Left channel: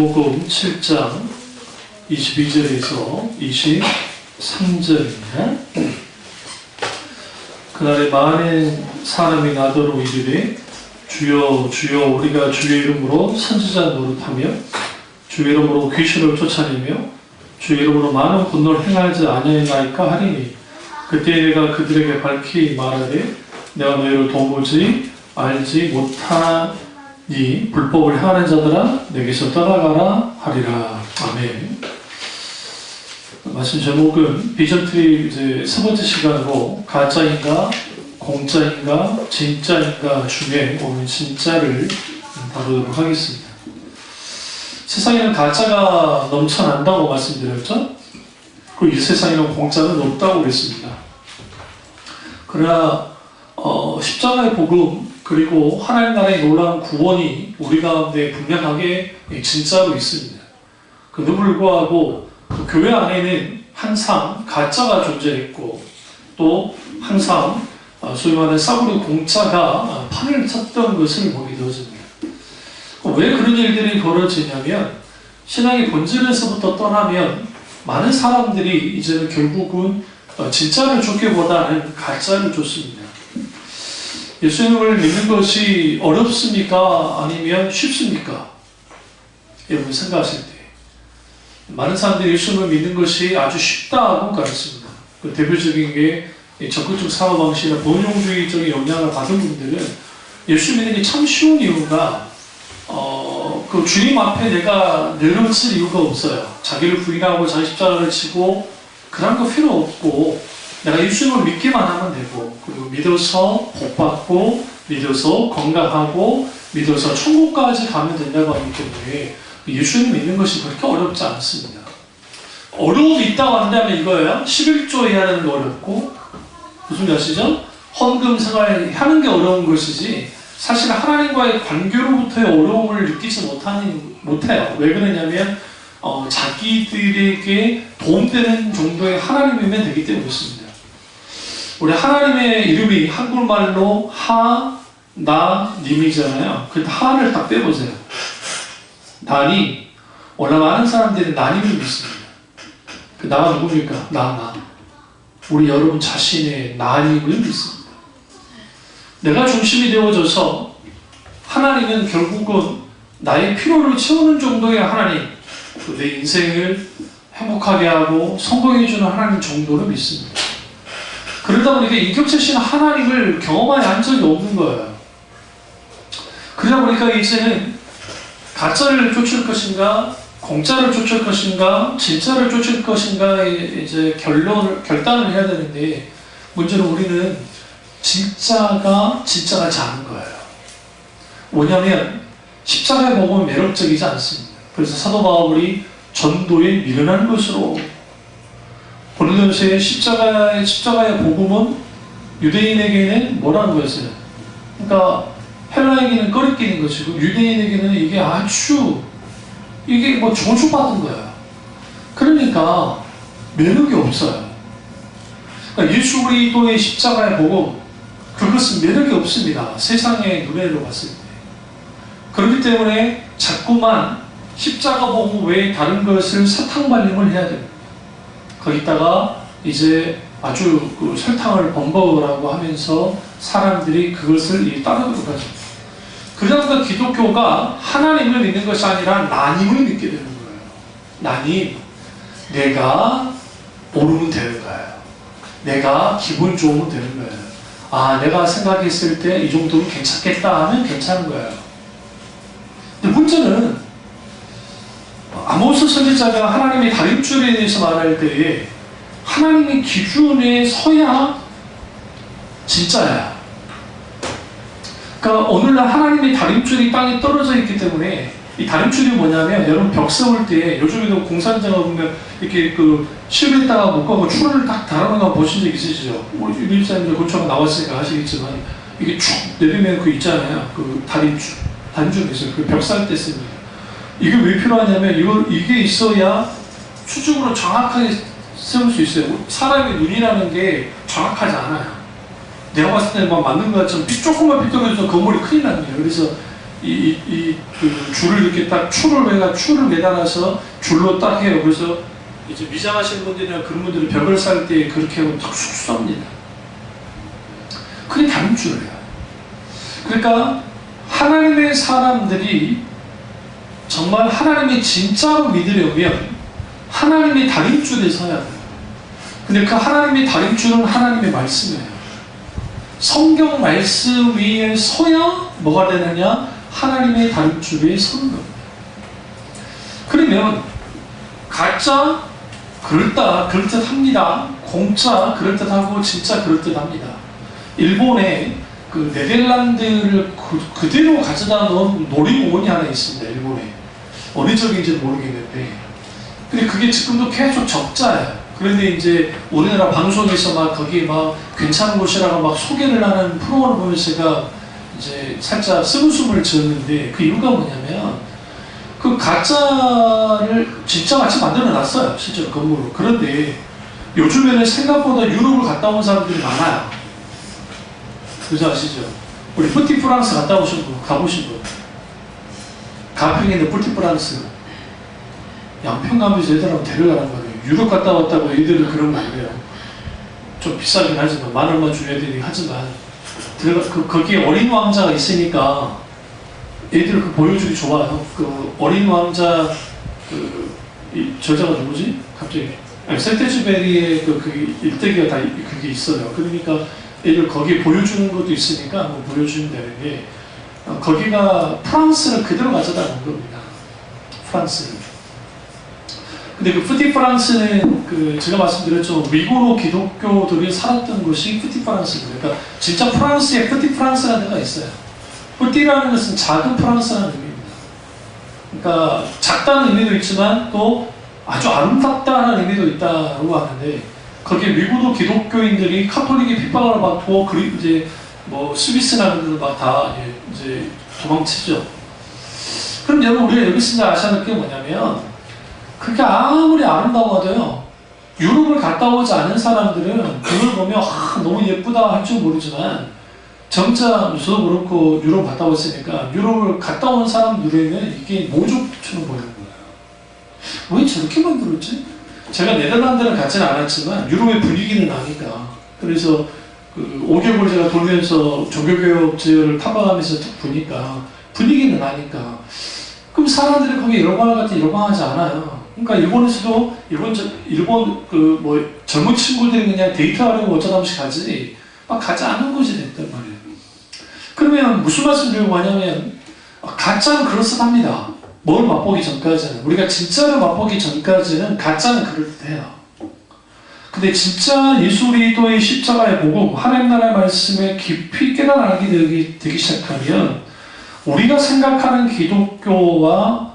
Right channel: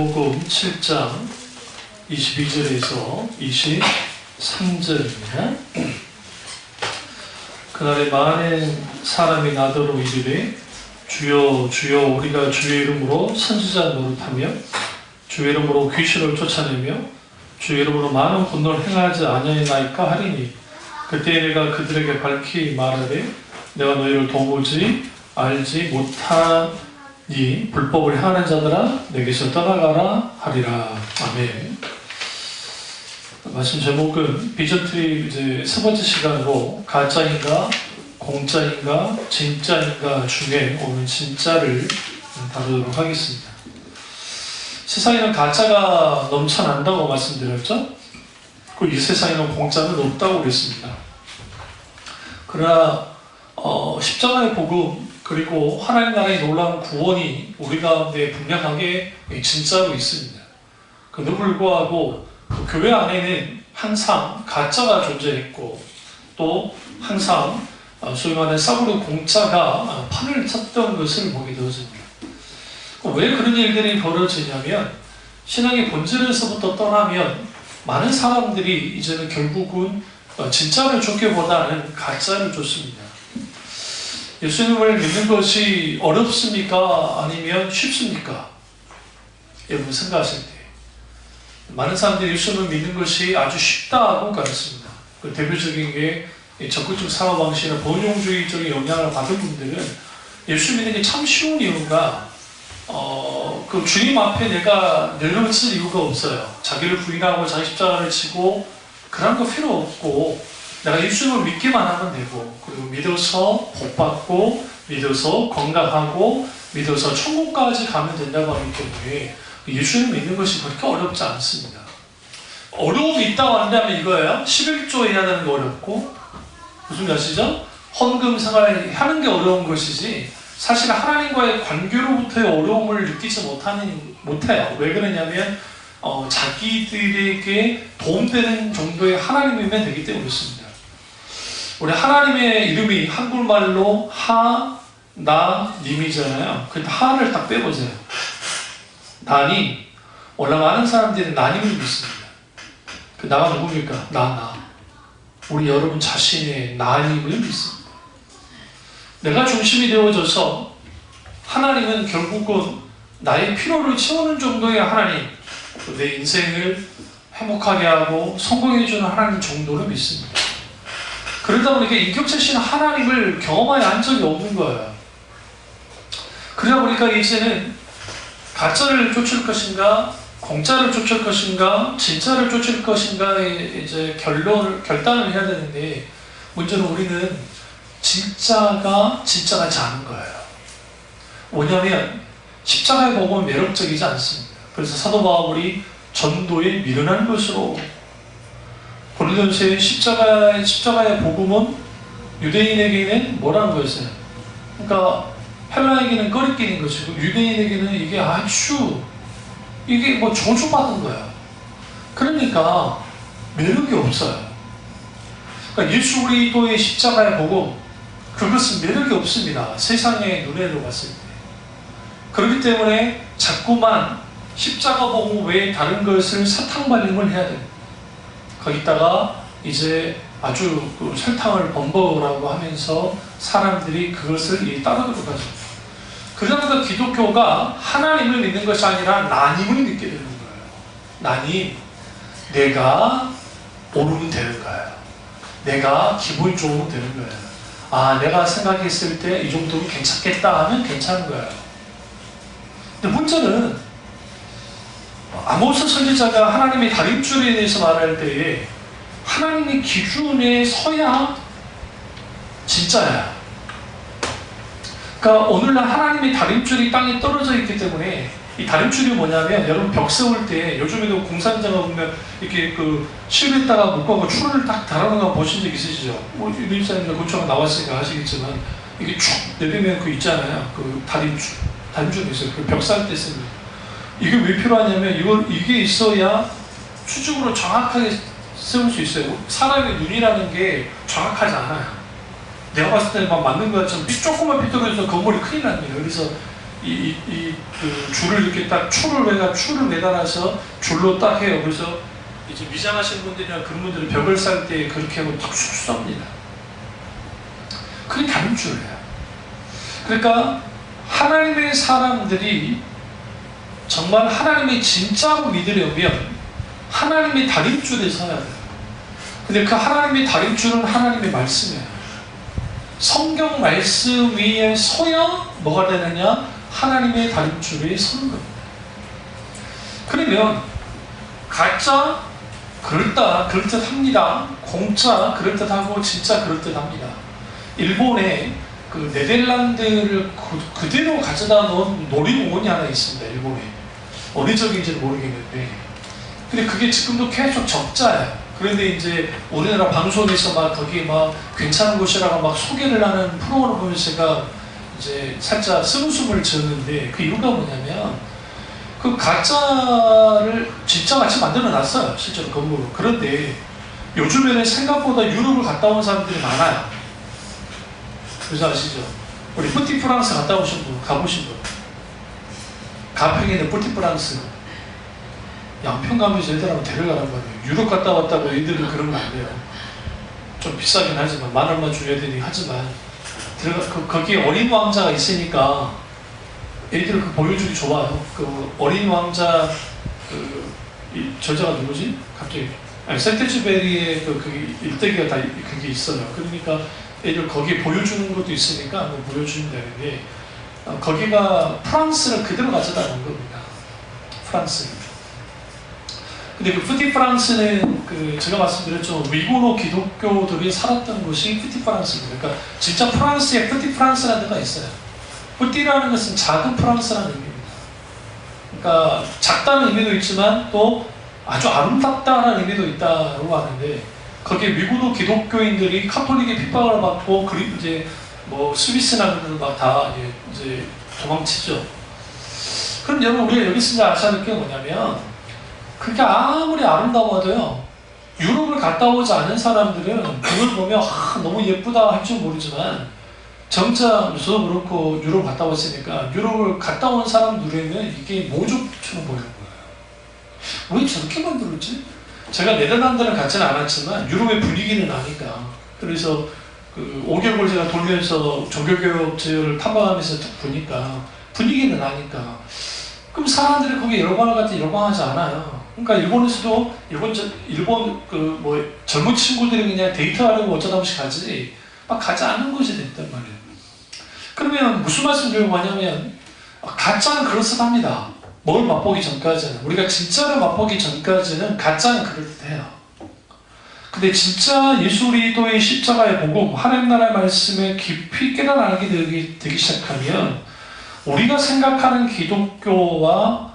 마태복음 7장 22절에서 23절입니다. 그날에 많은 사람이 나더러 이르되 주여 주여 우리가 주의 이름으로 선지자 노릇하며 주의 이름으로 귀신을 쫓아내며 주의 이름으로 많은 분노를 행하지 아니하나이까 하리니 그때 내가 그들에게 밝히 말하되 내가 너희를 도무지 알지 못하니 불법을 행하는 자들아 내게서 떠나가라 하리라. 아멘. 말씀 제목은 비전트리 이제 세 번째 시간으로 가짜인가 공짜인가 진짜인가 중에 오늘 진짜를 다루도록 하겠습니다. 세상에는 가짜가 넘쳐난다고 말씀드렸죠? 그리고 이 세상에는 공짜는 없다고 그랬습니다. 그러나 십자가의 복음 그리고 하나님 나라의 놀라운 구원이 우리 가운데 분명하게 진짜로 있습니다. 그런데 불구하고 그 교회 안에는 항상 가짜가 존재했고 또 항상 소위 말하는 싸구려 공짜가 판을 쳤던 것을 보게 되어집니다. 왜 그런 일들이 벌어지냐면 신앙의 본질에서부터 떠나면 많은 사람들이 이제는 결국은 진짜를 쫓기보다는 가짜를 쫓습니다. 예수님을 믿는 것이 어렵습니까? 아니면 쉽습니까? 여러분 생각하실 때 많은 사람들이 예수님을 믿는 것이 아주 쉽다고 가르칩니다. 그 대표적인 게 적극적 사고방식이나 번용주의적인 영향을 받은 분들은 예수 믿는 게 참 쉬운 이유가 그 주님 앞에 내가 내려칠 이유가 없어요. 자기를 부인하고 자기 십자가를 지고 그런 거 필요 없고 내가 예수님을 믿기만 하면 되고 그리고 믿어서 복받고 믿어서 건강하고 믿어서 천국까지 가면 된다고 하기 때문에 예수님 믿는 것이 그렇게 어렵지 않습니다. 어려움이 있다고 한다면 이거예요. 11조 해야 되는 게 어렵고 무슨 말 아시죠? 헌금 생활 하는 게 어려운 것이지 사실 하나님과의 관계로부터의 어려움을 느끼지 못해요. 왜 그러냐면 자기들에게 도움되는 정도의 하나님이면 되기 때문에 그렇습니다. 우리 하나님의 이름이 한국말로 하나님이잖아요. 그 하를 딱 빼보세요. 나니 원래 많은 사람들이 나님을 믿습니다. 그 나가 누굽니까? 나. 우리 여러분 자신의 나님을 믿습니다. 내가 중심이 되어져서 하나님은 결국은 나의 필요를 채우는 정도의 하나님, 내 인생을 행복하게 하고 성공해주는 하나님 정도를 믿습니다. 그러다 보니까 인격체신 하나님을 경험하지 한 적이 없는 거예요. 그러다 보니까 이제는 가짜를 쫓을 것인가, 공짜를 쫓을 것인가, 진짜를 쫓을 것인가에 이제 결단을 해야 되는데 문제는 우리는 진짜가 작은 거예요. 뭐냐면 십자가의 복음은 매력적이지 않습니다. 그래서 사도 바울이 전도에 미련한 것으로 고린도서의 십자가의 복음은 유대인에게는 뭐라는 거였어요? 그러니까 헬라에게는 꺼리끼는 것이고 유대인에게는 이게 아주 이게 뭐 종속받은 거야. 그러니까 매력이 없어요. 그러니까 예수 그리스도의 십자가의 복음 그것은 매력이 없습니다. 세상의 눈에로 봤을 때. 그렇기 때문에 자꾸만 십자가 복음 외에 다른 것을 사탕발림을 해야 됩니다. 거기다가 이제 아주 그 설탕을 범벅이라고 하면서 사람들이 그것을 따르도록 하죠. 그러니까 기독교가 하나님을 믿는 것이 아니라 나님을 믿게 되는 거예요. 나님, 내가 오르면 되는 거예요. 내가 기분 좋으면 되는 거예요. 내가 생각했을 때 이 정도면 괜찮겠다 하면 괜찮은 거예요. 근데 문제는 아모스 선지자가 하나님의 다림줄에 대해서 말할 때에 하나님의 기준에 서야 진짜야. 그러니까 오늘날 하나님의 다림줄이 땅에 떨어져 있기 때문에 이 다림줄이 뭐냐면 여러분 벽 세울 때 요즘에도 공사장가 보면 이렇게 그 실에다가 묶어서 줄을 딱 달아놓은 거 보신 적 있으시죠? 우리 유니사님들 고초가 나왔으니까 아시겠지만 이게 쭉 내리면 그 있잖아요. 그 다림줄이 있어요. 그 벽 살 때 쓰는. 이게 왜 필요하냐면 이게 있어야 수직으로 정확하게 세울 수 있어요. 사람의 눈이라는 게 정확하지 않아요. 내가 봤을 때 막 맞는 것 같지만 조금만 삐뚤어져서 건물이 큰일 납니다. 그래서 그 줄을 이렇게 딱 추를 매달아서 줄로 딱 해요. 그래서 이제 미장하시는 분들이나 그런 분들은 벽을 쌓을 때 그렇게 하고 탁 쑥 쏩니다. 그게 다림줄이에요. 그러니까 하나님의 사람들이 정말 하나님이 진짜로 믿으려면 하나님의 다림줄에 서야 돼요. 근데 그 하나님의 다림줄은 하나님의 말씀이에요. 성경 말씀 위에 서야 뭐가 되느냐? 하나님의 다림줄 위에 서는 겁니다. 그러면 가짜 그럴듯합니다. 공짜 그럴듯하고 진짜 그럴듯합니다. 일본에 그 네덜란드를 그대로 가져다 놓은 놀이공원이 하나 있습니다. 일본에. 어느 쪽인지는 모르겠는데. 근데 그게 지금도 계속 적자예요. 그런데 이제 우리나라 방송에서 막 거기 막 괜찮은 곳이라고 막 소개를 하는 프로그램을 보면서 제가 이제 살짝 쓴웃음을 지었는데 그 이유가 뭐냐면 그 가짜를 진짜 같이 만들어 놨어요. 실제로 건물을. 그런데 요즘에는 생각보다 유럽을 갔다 온 사람들이 많아요. 그래서 아시죠? 우리 뿌티프랑스 갔다 오신 분, 가보신 분. 가평에 있는 뿌티프랑스. 양평 가면서 애들하고 데려가란 말이에요. 유럽 갔다 왔다고 애들은 그런 거 안 돼요. 좀 비싸긴 하지만, 10,000원만 줘야 되니 하지만, 거기에 어린 왕자가 있으니까 애들 그 보여주기 좋아요. 그 어린 왕자, 저자가 누구지? 갑자기. 센테즈베리의 그 일대기가 다 그게 있어요. 그러니까 애들 거기에 보여주는 것도 있으니까 한번 보여주면 되는데, 거기가 프랑스를 그대로 가져다 놓은 겁니다. 프랑스. 근데 그 푸티프랑스는 제가 말씀드렸죠. 위고노 기독교들이 살았던 곳이 푸티프랑스입니다. 그러니까 진짜 프랑스에 푸티프랑스라는 데가 있어요. 푸티라는 것은 작은 프랑스라는 의미입니다. 그러니까 작다는 의미도 있지만 또 아주 아름답다는 의미도 있다고 하는데 거기에 위고노 기독교인들이 카톨릭의 핍박을 받고 그리고 이제 뭐 스위스나 그런 데도 막 다 이제 도망치죠. 그럼 여러분 우리가 여기서 아셔야 할 게 뭐냐면 그게 아무리 아름다워도요 유럽을 갔다 오지 않은 사람들은 그걸 보면 너무 예쁘다 할지 모르지만 정작 저도 그렇고 유럽 갔다 왔으니까 유럽을 갔다 온 사람들에는 이게 모조처럼 보이는 거예요. 왜 저렇게 만들었지? 제가 네덜란드를 가지는 않았지만 유럽의 분위기는 아니까 그래서 그 5개월 제가 돌면서 종교개혁지를 탐방하면서 쭉 보니까 분위기는 아니까 그럼 사람들이 거기 열광을 갖다 열광하지 않아요. 그러니까 일본에서도 일본 뭐 젊은 친구들이 그냥 데이트하려고 어쩌다 한번씩 가지 막 가지 않는 것이 됐단 말이에요. 그러면 무슨 말씀 드리려고 하냐면 가짜는 그럴듯합니다. 뭘 맛보기 전까지는 우리가 진짜를 맛보기 전까지는 가짜는 그럴듯해요. 근데 진짜 예수 그리스도의 십자가의 복음 하나님 나라의 말씀에 깊이 깨달아 알게 되기 시작하면 우리가 생각하는 기독교와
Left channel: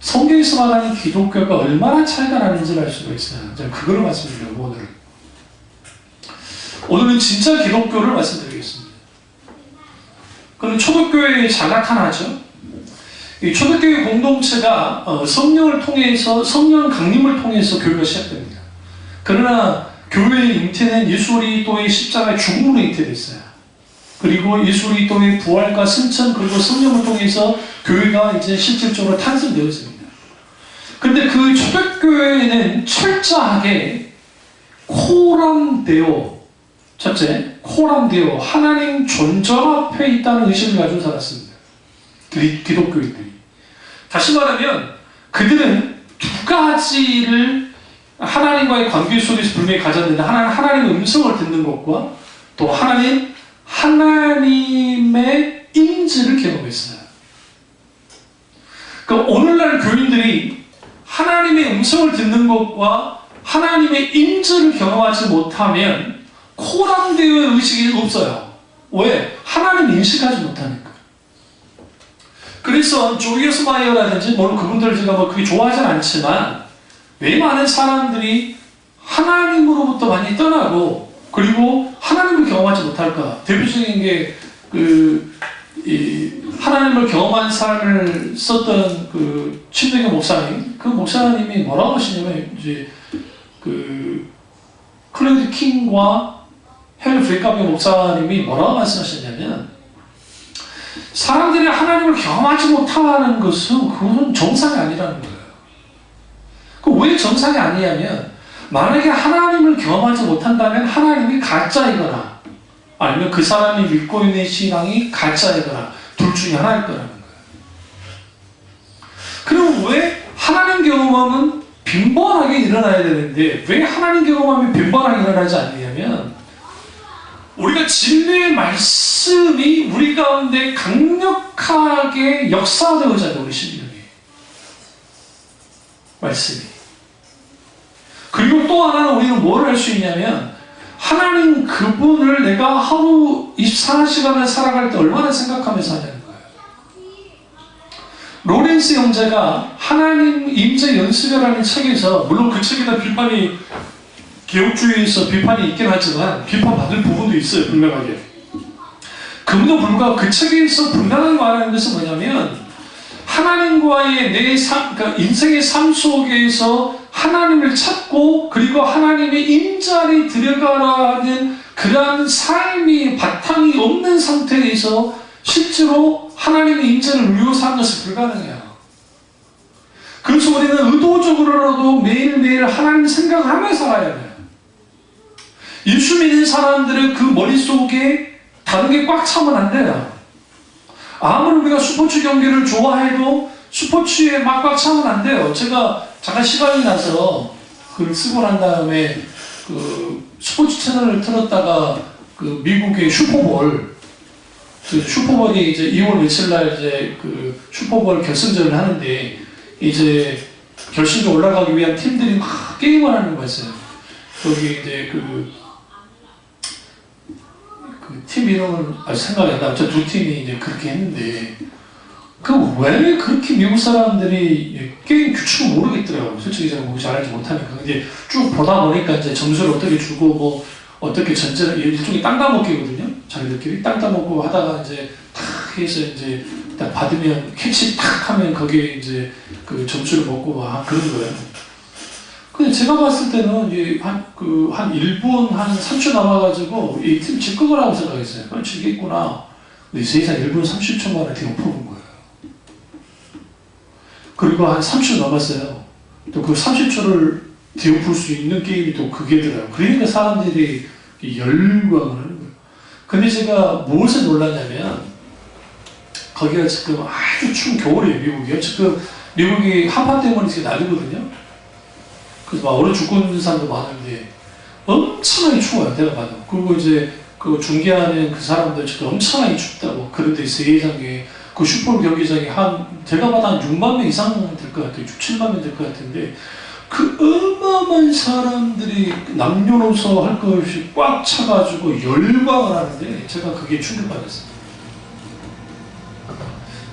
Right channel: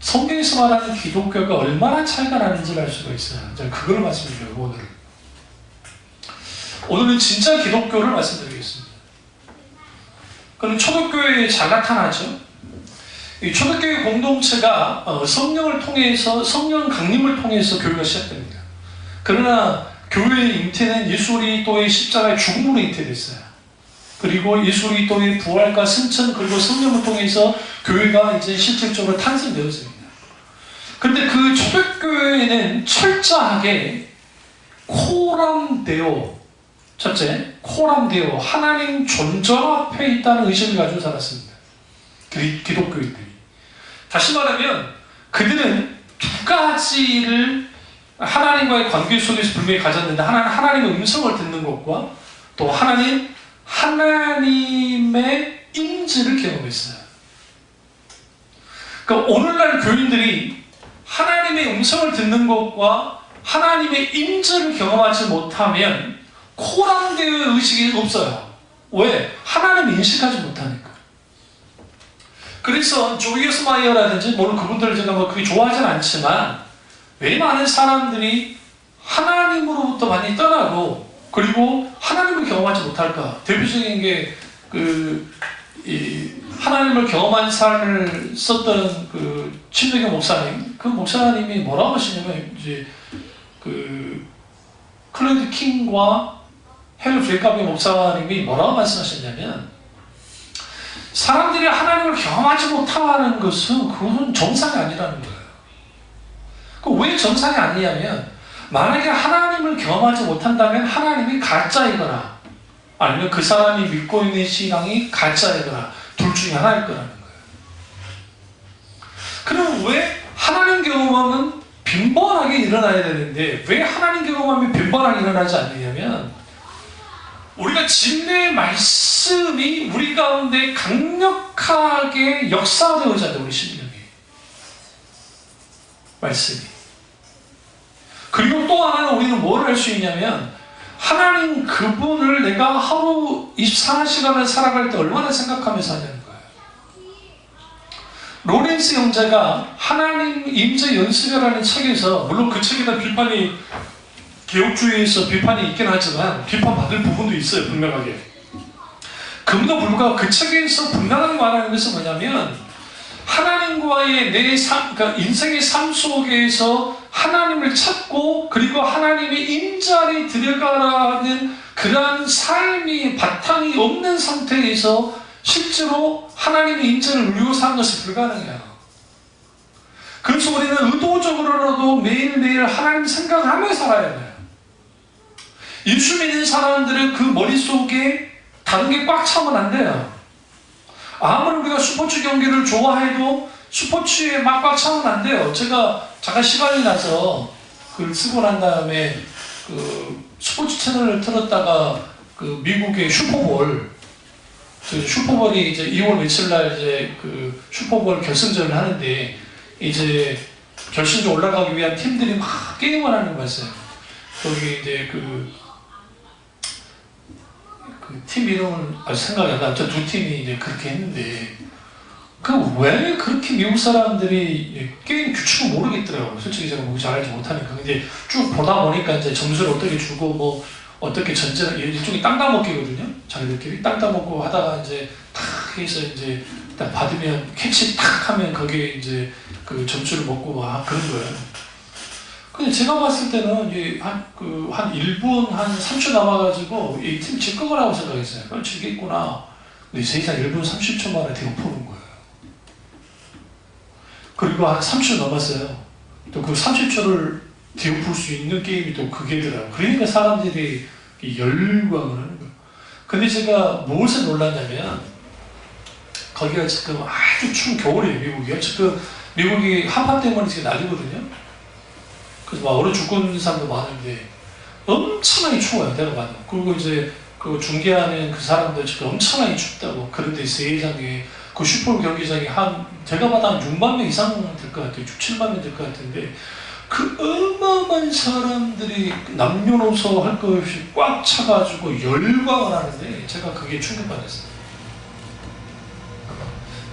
성경에서 말하는 기독교가 얼마나 차이가 나는지를 알 수가 있어요. 제가 그걸 말씀드려요. 오늘은 진짜 기독교를 말씀드리겠습니다. 그럼 초대교회에 잘 나타나죠. 이 초대교회 공동체가 성령을 통해서 성령 강림을 통해서 교회가 시작됩니다. 그러나 교회의 잉태는 예수 그리스도의 십자가의 죽음으로 잉태됐어요. 그리고 예수 그리스도의 부활과 승천 그리고 성령을 통해서 교회가 이제 실질적으로 탄생되었습니다. 그런데 그 초대교회에는 철저하게 코람데오 첫째, 코람데오 하나님 존재 앞에 있다는 의식을 가지고 살았습니다. 기독교인들이. 다시 말하면 그들은 두 가지를 하나님과의 관계 속에서 분명히 가졌는데 하나님의 음성을 듣는 것과 또 하나님의 인지를 경험했어요. 그러니까 오늘날 교인들이 하나님의 음성을 듣는 것과 하나님의 인지를 경험하지 못하면 코람데오의 의식이 없어요. 왜? 하나님을 인식하지 못하니까. 그래서 조이어스 마이어라든지 물론 그분들 제가 뭐 그게 좋아하진 않지만 왜 많은 사람들이 하나님으로부터 많이 떠나고 그리고 하나님을 경험하지 못할까? 대표적인 게 하나님을 경험한 삶을 썼던 친동의 목사님, 그 목사님이 뭐라고 하시냐면 이제 클레드 킹과 헬 브레이카비 목사님이 뭐라고 말씀하셨냐면 사람들이 하나님을 경험하지 못하는 것은 그건 정상이 아니라는 거예요. 왜 정상이 아니냐면 만약에 하나님을 경험하지 못한다면 하나님이 가짜이거나 아니면 그 사람이 믿고 있는 신앙이 가짜이거나 둘 중에 하나일 거라는 거예요. 그럼 왜 하나님 경험하면 빈번하게 일어나야 되는데 왜 하나님 경험하면 빈번하게 일어나지 않느냐면 우리가 진리의 말씀이 우리 가운데 강력하게 역사되어야 한다. 우리 심령이 말씀이. 그리고 또 하나는 우리는 뭘 할 수 있냐면 하나님 그분을 내가 하루 24시간을 살아갈 때 얼마나 생각하면서 하냐는 거예요. 로렌스 형제가 하나님 임재 연습이라는 책에서 물론 그 책에다 비판이 개혁주의에서 비판이 있긴 하지만 비판받을 부분도 있어요. 분명하게. 그럼에도 불구하고 그 책에서 분명하게 말하는 것은 뭐냐면 하나님과의 내 삶, 그러니까 인생의 삶 속에서 하나님을 찾고 그리고 하나님의 임자리 들어가라는 그러한 삶이 바탕이 없는 상태에서 실제로 하나님의 임자를 누리고 사는 것이 불가능해요. 그래서 우리는 의도적으로라도 매일매일 하나님 생각하며 살아야 돼요. 예수 믿는 사람들은 그 머릿속에 다른 게 꽉 차면 안 돼요. 아무리 우리가 스포츠 경기를 좋아해도 스포츠에 막 꽉 차면 안 돼요. 제가 잠깐 시간이 나서 그걸 쓰고 난 다음에 그 스포츠 채널을 틀었다가 그 미국의 슈퍼볼이 이제 2월 며칠 날 이제 그 슈퍼볼 결승전을 하는데 이제 결승전 올라가기 위한 팀들이 막 게임을 하는 거 봤어요. 거기 이제 그 팀 이름은 아직 생각이 안 나요. 저 두 팀이 이제 그렇게 했는데 왜 그렇게 미국 사람들이 게임 규칙을 모르겠더라고요. 솔직히 제가 잘 알지 못하니까. 근데 쭉 보다 보니까 이제 점수를 어떻게 주고 뭐 어떻게 전제를 일종의 땅 따먹기거든요. 자기들끼리 땅 따먹고 하다가 이제 탁 해서 이제 딱 받으면 캐치 탁 하면 거기에 이제 그 점수를 먹고 막 그런 거예요. 근데 제가 봤을 때는 이제 한 1분 한 3초 남아가지고 이 팀 질 거라고 생각했어요. 지겠구나. 근데 세상 1분 30초 만에 대형 퍼본 거예요. 그리고 한 30초 남았어요. 또 그 30초를 뒤엎을 수 있는 게임이 또 그게더라고요. 그러니까 사람들이 열광을 하는 거예요. 근데 제가 무엇에 놀랐냐면 거기가 지금 아주 추운 겨울이에요. 미국이요. 지금 미국이 한파 때문에 지금 난리거든요. 그래서 막 얼어 죽는 사람도 많은데 엄청나게 추워요. 내가 봐도. 그리고 이제 그 중계하는 그 사람들 지금 엄청나게 춥다고. 그런데 세상에 그 슈퍼볼 경기장이 제가 봐도 한 6만 명 이상 될 것 같아요. 6, 7만 명 될 것 같은데 그 어마어마한 사람들이 남녀노소 할 것 없이 꽉 차가지고 열광을 하는데 제가 그게 충격받았어요.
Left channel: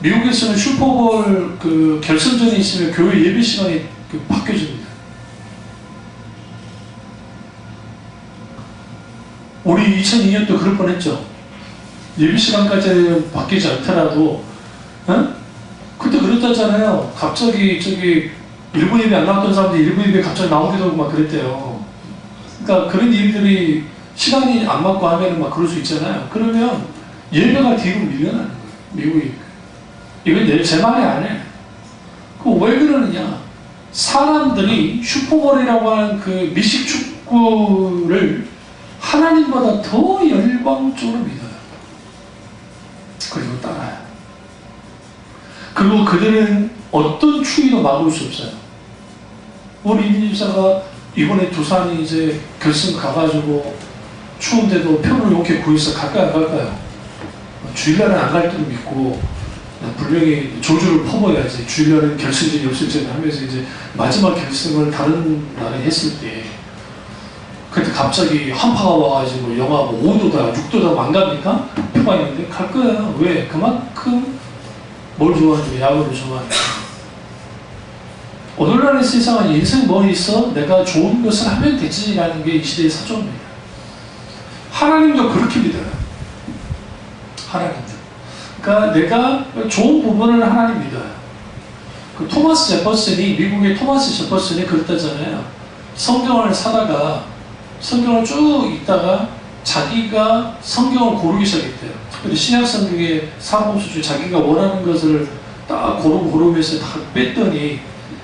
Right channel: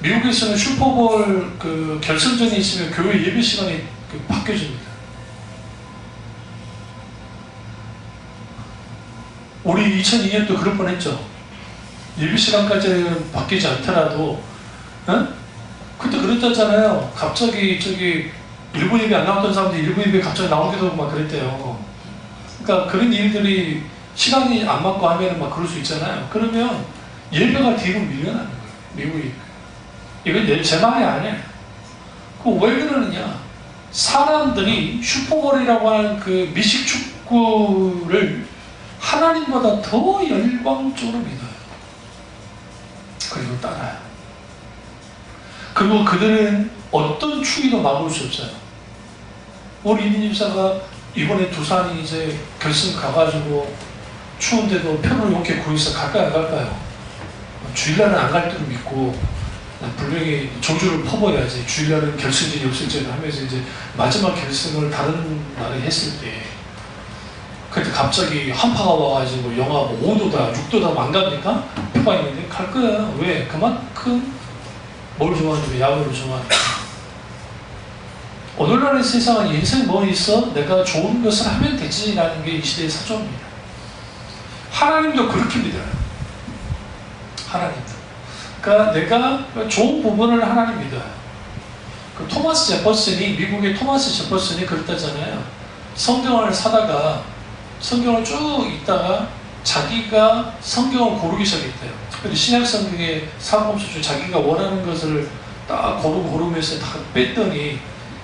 미국에서는 슈퍼볼 그 결승전이 있으면 교회 예배 시간이 바뀌어집니다. 우리 2002년도 그럴 뻔했죠. 예배 시간까지 바뀌지 않더라도, 그때 그랬잖아요. 갑자기 저기 1분 예배 안 나왔던 사람들이 1분 예배 갑자기 나오기도 하고 막 그랬대요. 그러니까 그런 일들이 시간이 안 맞고 하면은 막 그럴 수 있잖아요. 그러면 예배가 뒤로 밀려나는 거예요. 미국이. 이건 제 말이 아니에요. 왜 그러느냐? 사람들이 슈퍼볼이라고 하는 그 미식 축구를 하나님보다 더 열광적으로 믿어요. 그리고 따라요. 그리고 그들은 어떤 추위도 막을 수 없어요. 우리 이민집사가 이번에 두산이 이제 결승 가가지고 추운데도 표를 이렇게 구해서 갈까요, 안 갈까요? 주일날은 안 갈 줄 믿고 분명히 조주를 퍼버려야지. 주일날은 결승전, 역승전 하면서 이제 마지막 결승을 다른 나라에 했을 때 그때 갑자기 한파가 와가지고 영하 뭐 5도다, 6도다 안 갑니까? 표가 있는데 갈 거예요. 왜? 그만큼 뭘 좋아하는지 야구를 좋아하니까. 오늘날의 세상은 인생 뭐 있어? 내가 좋은 것을 하면 되지라는 게 이 시대의 사조입니다. 하나님도 그렇게 믿어요. 하나님도. 그러니까 내가 좋은 부분을 하나님 믿어요. 그 토마스 제퍼슨이, 미국의 토마스 제퍼슨이 그랬다잖아요. 성경을 사다가 성경을 쭉 읽다가 자기가 성경을 고르기 시작했대요. 특별히 신약 성경의 사복음서 중에 자기가 원하는 것을 딱 고르면서 다 뺐더니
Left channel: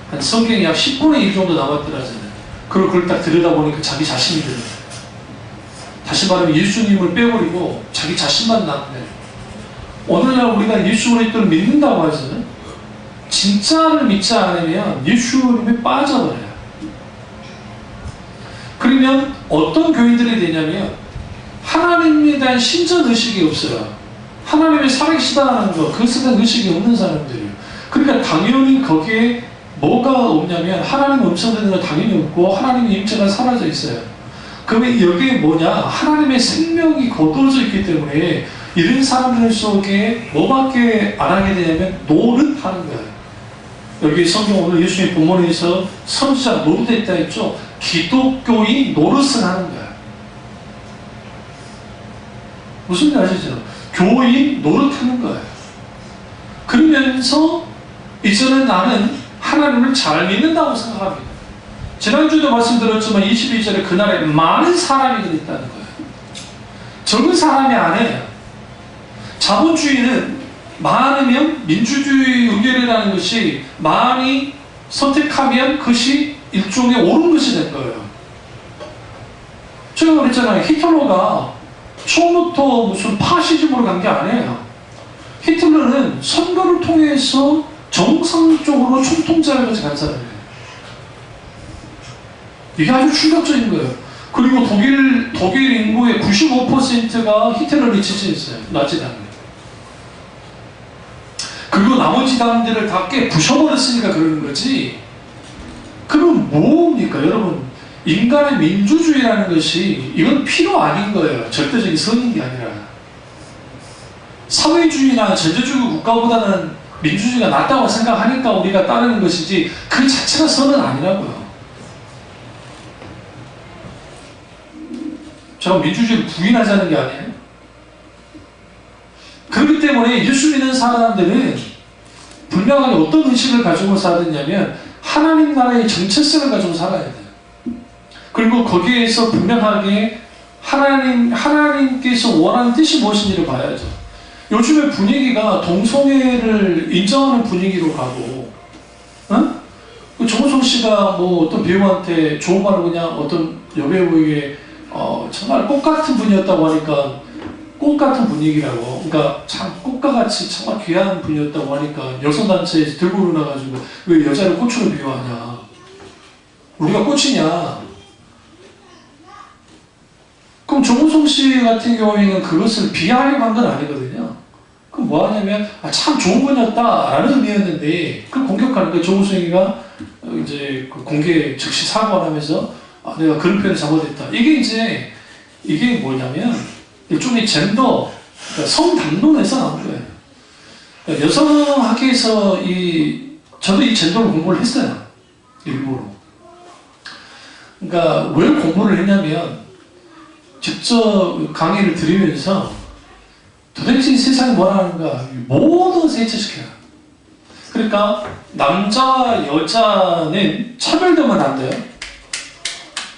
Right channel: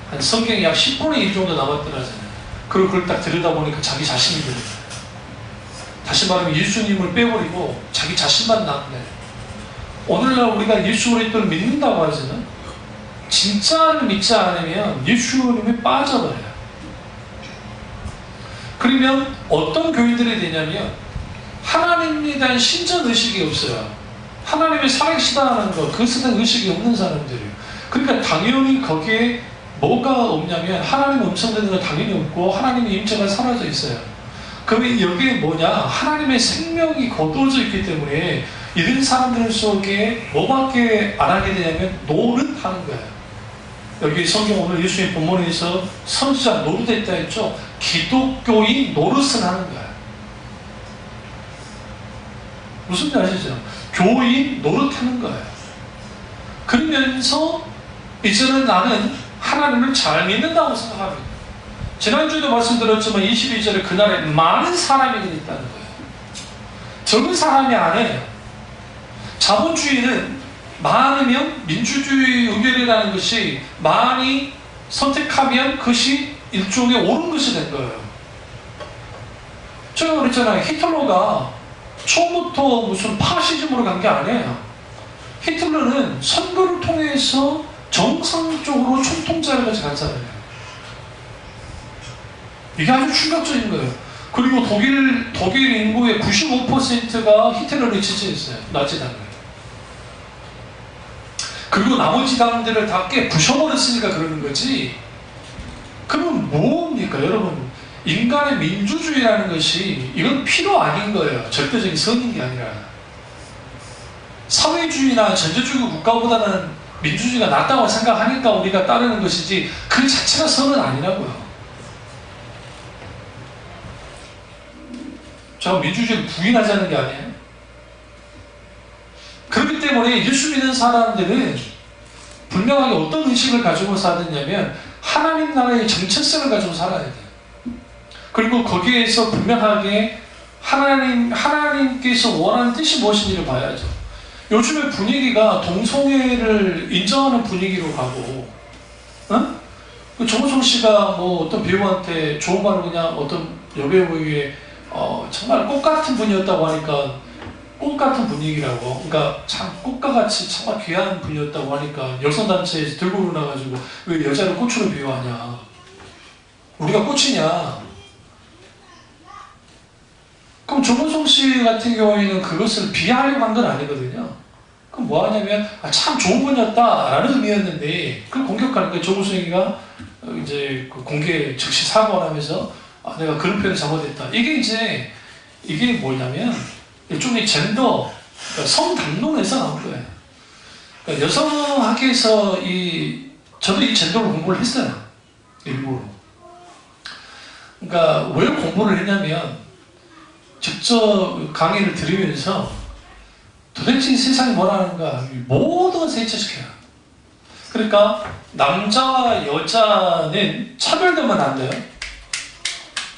한 성경이 약 10분의 1 정도 남았더라잖아요. 그걸 딱 들여다보니까 자기 자신이 들어요. 다시 말하면 예수님을 빼버리고 자기 자신만 남네. 오늘날 우리가 예수 그리스도를 믿는다고 하잖아요. 진짜를 믿지 않으면 예수님에 빠져버려요. 그러면 어떤 교인들이 되냐면 하나님에 대한 신전의식이 없어요. 하나님이 살아계시다는 것, 그것에 대한 의식이 없는 사람들이에요. 그러니까 당연히 거기에 뭐가 없냐면 하나님의 음성 듣는 건 당연히 없고 하나님의 임재가 사라져 있어요. 그러면 여기에 뭐냐? 하나님의 생명이 거두어져 있기 때문에 이런 사람들 속에 뭐밖에 안 하게 되냐면 노릇하는 거예요. 여기 성경 오늘 예수님 본문에서 선지자 노릇했다 했죠. 기독교인 노릇을 하는 거예요. 무슨 일 아시죠? 교인 노릇하는 거예요. 그러면서 이제는 나는 하나님을 잘 믿는다고 생각합니다. 지난주에도 말씀드렸지만 22절에 그날에 많은 사람이 그랬다는 거예요. 적은 사람이 아니에요. 자본주의는 많으면 민주주의 의결이라는 것이 많이 선택하면 그것이 일종의 옳은 것이 된 거예요. 제가 그랬잖아요. 히틀러가 처음부터 무슨 파시즘으로 간 게 아니에요. 히틀러는 선거를 통해서 정상적으로 총통제를 간 사람이에요. 이게 아주 충격적인 거예요. 그리고 독일 인구의 95%가 히틀러를 지지했어요. 나치당을. 그리고 나머지 당들을 다 깨 부셔버렸으니까 그러는 거지. 그럼 뭡니까 여러분? 인간의 민주주의라는 것이 이건 필요 아닌 거예요. 절대적인 선인 게 아니라. 사회주의나 전제주의 국가보다는 민주주의가 낫다고 생각하니까 우리가 따르는 것이지 그 자체가 선은 아니라고요. 제가 민주주의를 부인하자는 게 아니에요. 그렇기 때문에 예수 믿는 사람들은 분명하게 어떤 의식을 가지고 살았냐면 하나님 나라의 정체성을 가지고 살아야 돼요. 그리고 거기에서 분명하게 하나님께서 원하는 뜻이 무엇인지를 봐야죠. 요즘의 분위기가 동성애를 인정하는 분위기로 가고, 정우성 씨가 뭐 어떤 배우한테 좋은 말을 그냥 어떤 여배우에게 정말 꽃 같은 분이었다고 하니까 꽃 같은 분위기라고, 그러니까 참 꽃과 같이 정말 귀한 분이었다고 하니까 여성단체에서 들고 일어나가지고 왜 여자를 꽃으로 비유하냐? 우리가 꽃이냐? 그럼 정우성 씨 같은 경우에는 그것을 비하하려고 한 건 아니거든요. 그럼 뭐 하냐면 참 좋은 분이었다라는 의미였는데 그걸 공격하는 거예요. 정우성이가 이제 공개 즉시 사과를 하면서 내가 그런 표현을 잘못했다. 이게 뭐냐면 일종의 젠더, 그러니까 성담론에서 나온 거예요. 그러니까 여성학계에서 저도 이 젠더를 공부를 했어요. 일부러. 그러니까 왜 공부를 했냐면 직접 강의를 들으면서 도대체 이 세상이 뭐라는가 모든 것을 해체시켜요. 그러니까 남자와 여자는 차별되면 안 돼요.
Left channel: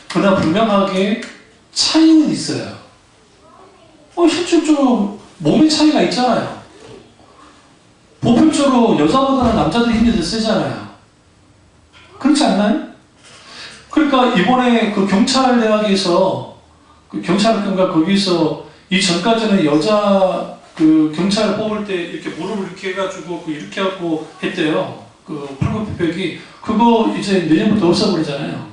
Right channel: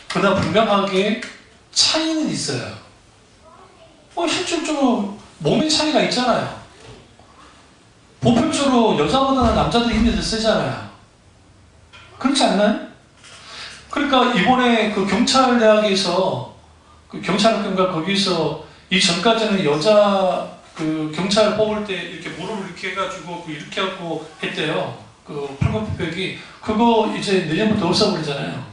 그러나 분명하게 차이는 있어요. 실질적으로 몸의 차이가 있잖아요. 보편적으로 여자보다는 남자들이 힘이 더 세잖아요. 그렇지 않나요? 그러니까 이번에 그 경찰대학에서 경찰학교인가 거기서 이전까지는 여자 경찰을 뽑을 때 이렇게 무릎을 이렇게 해가지고 이렇게 하고 했대요. 팔굽혀펴기. 그거 이제 내년부터 없어버리잖아요.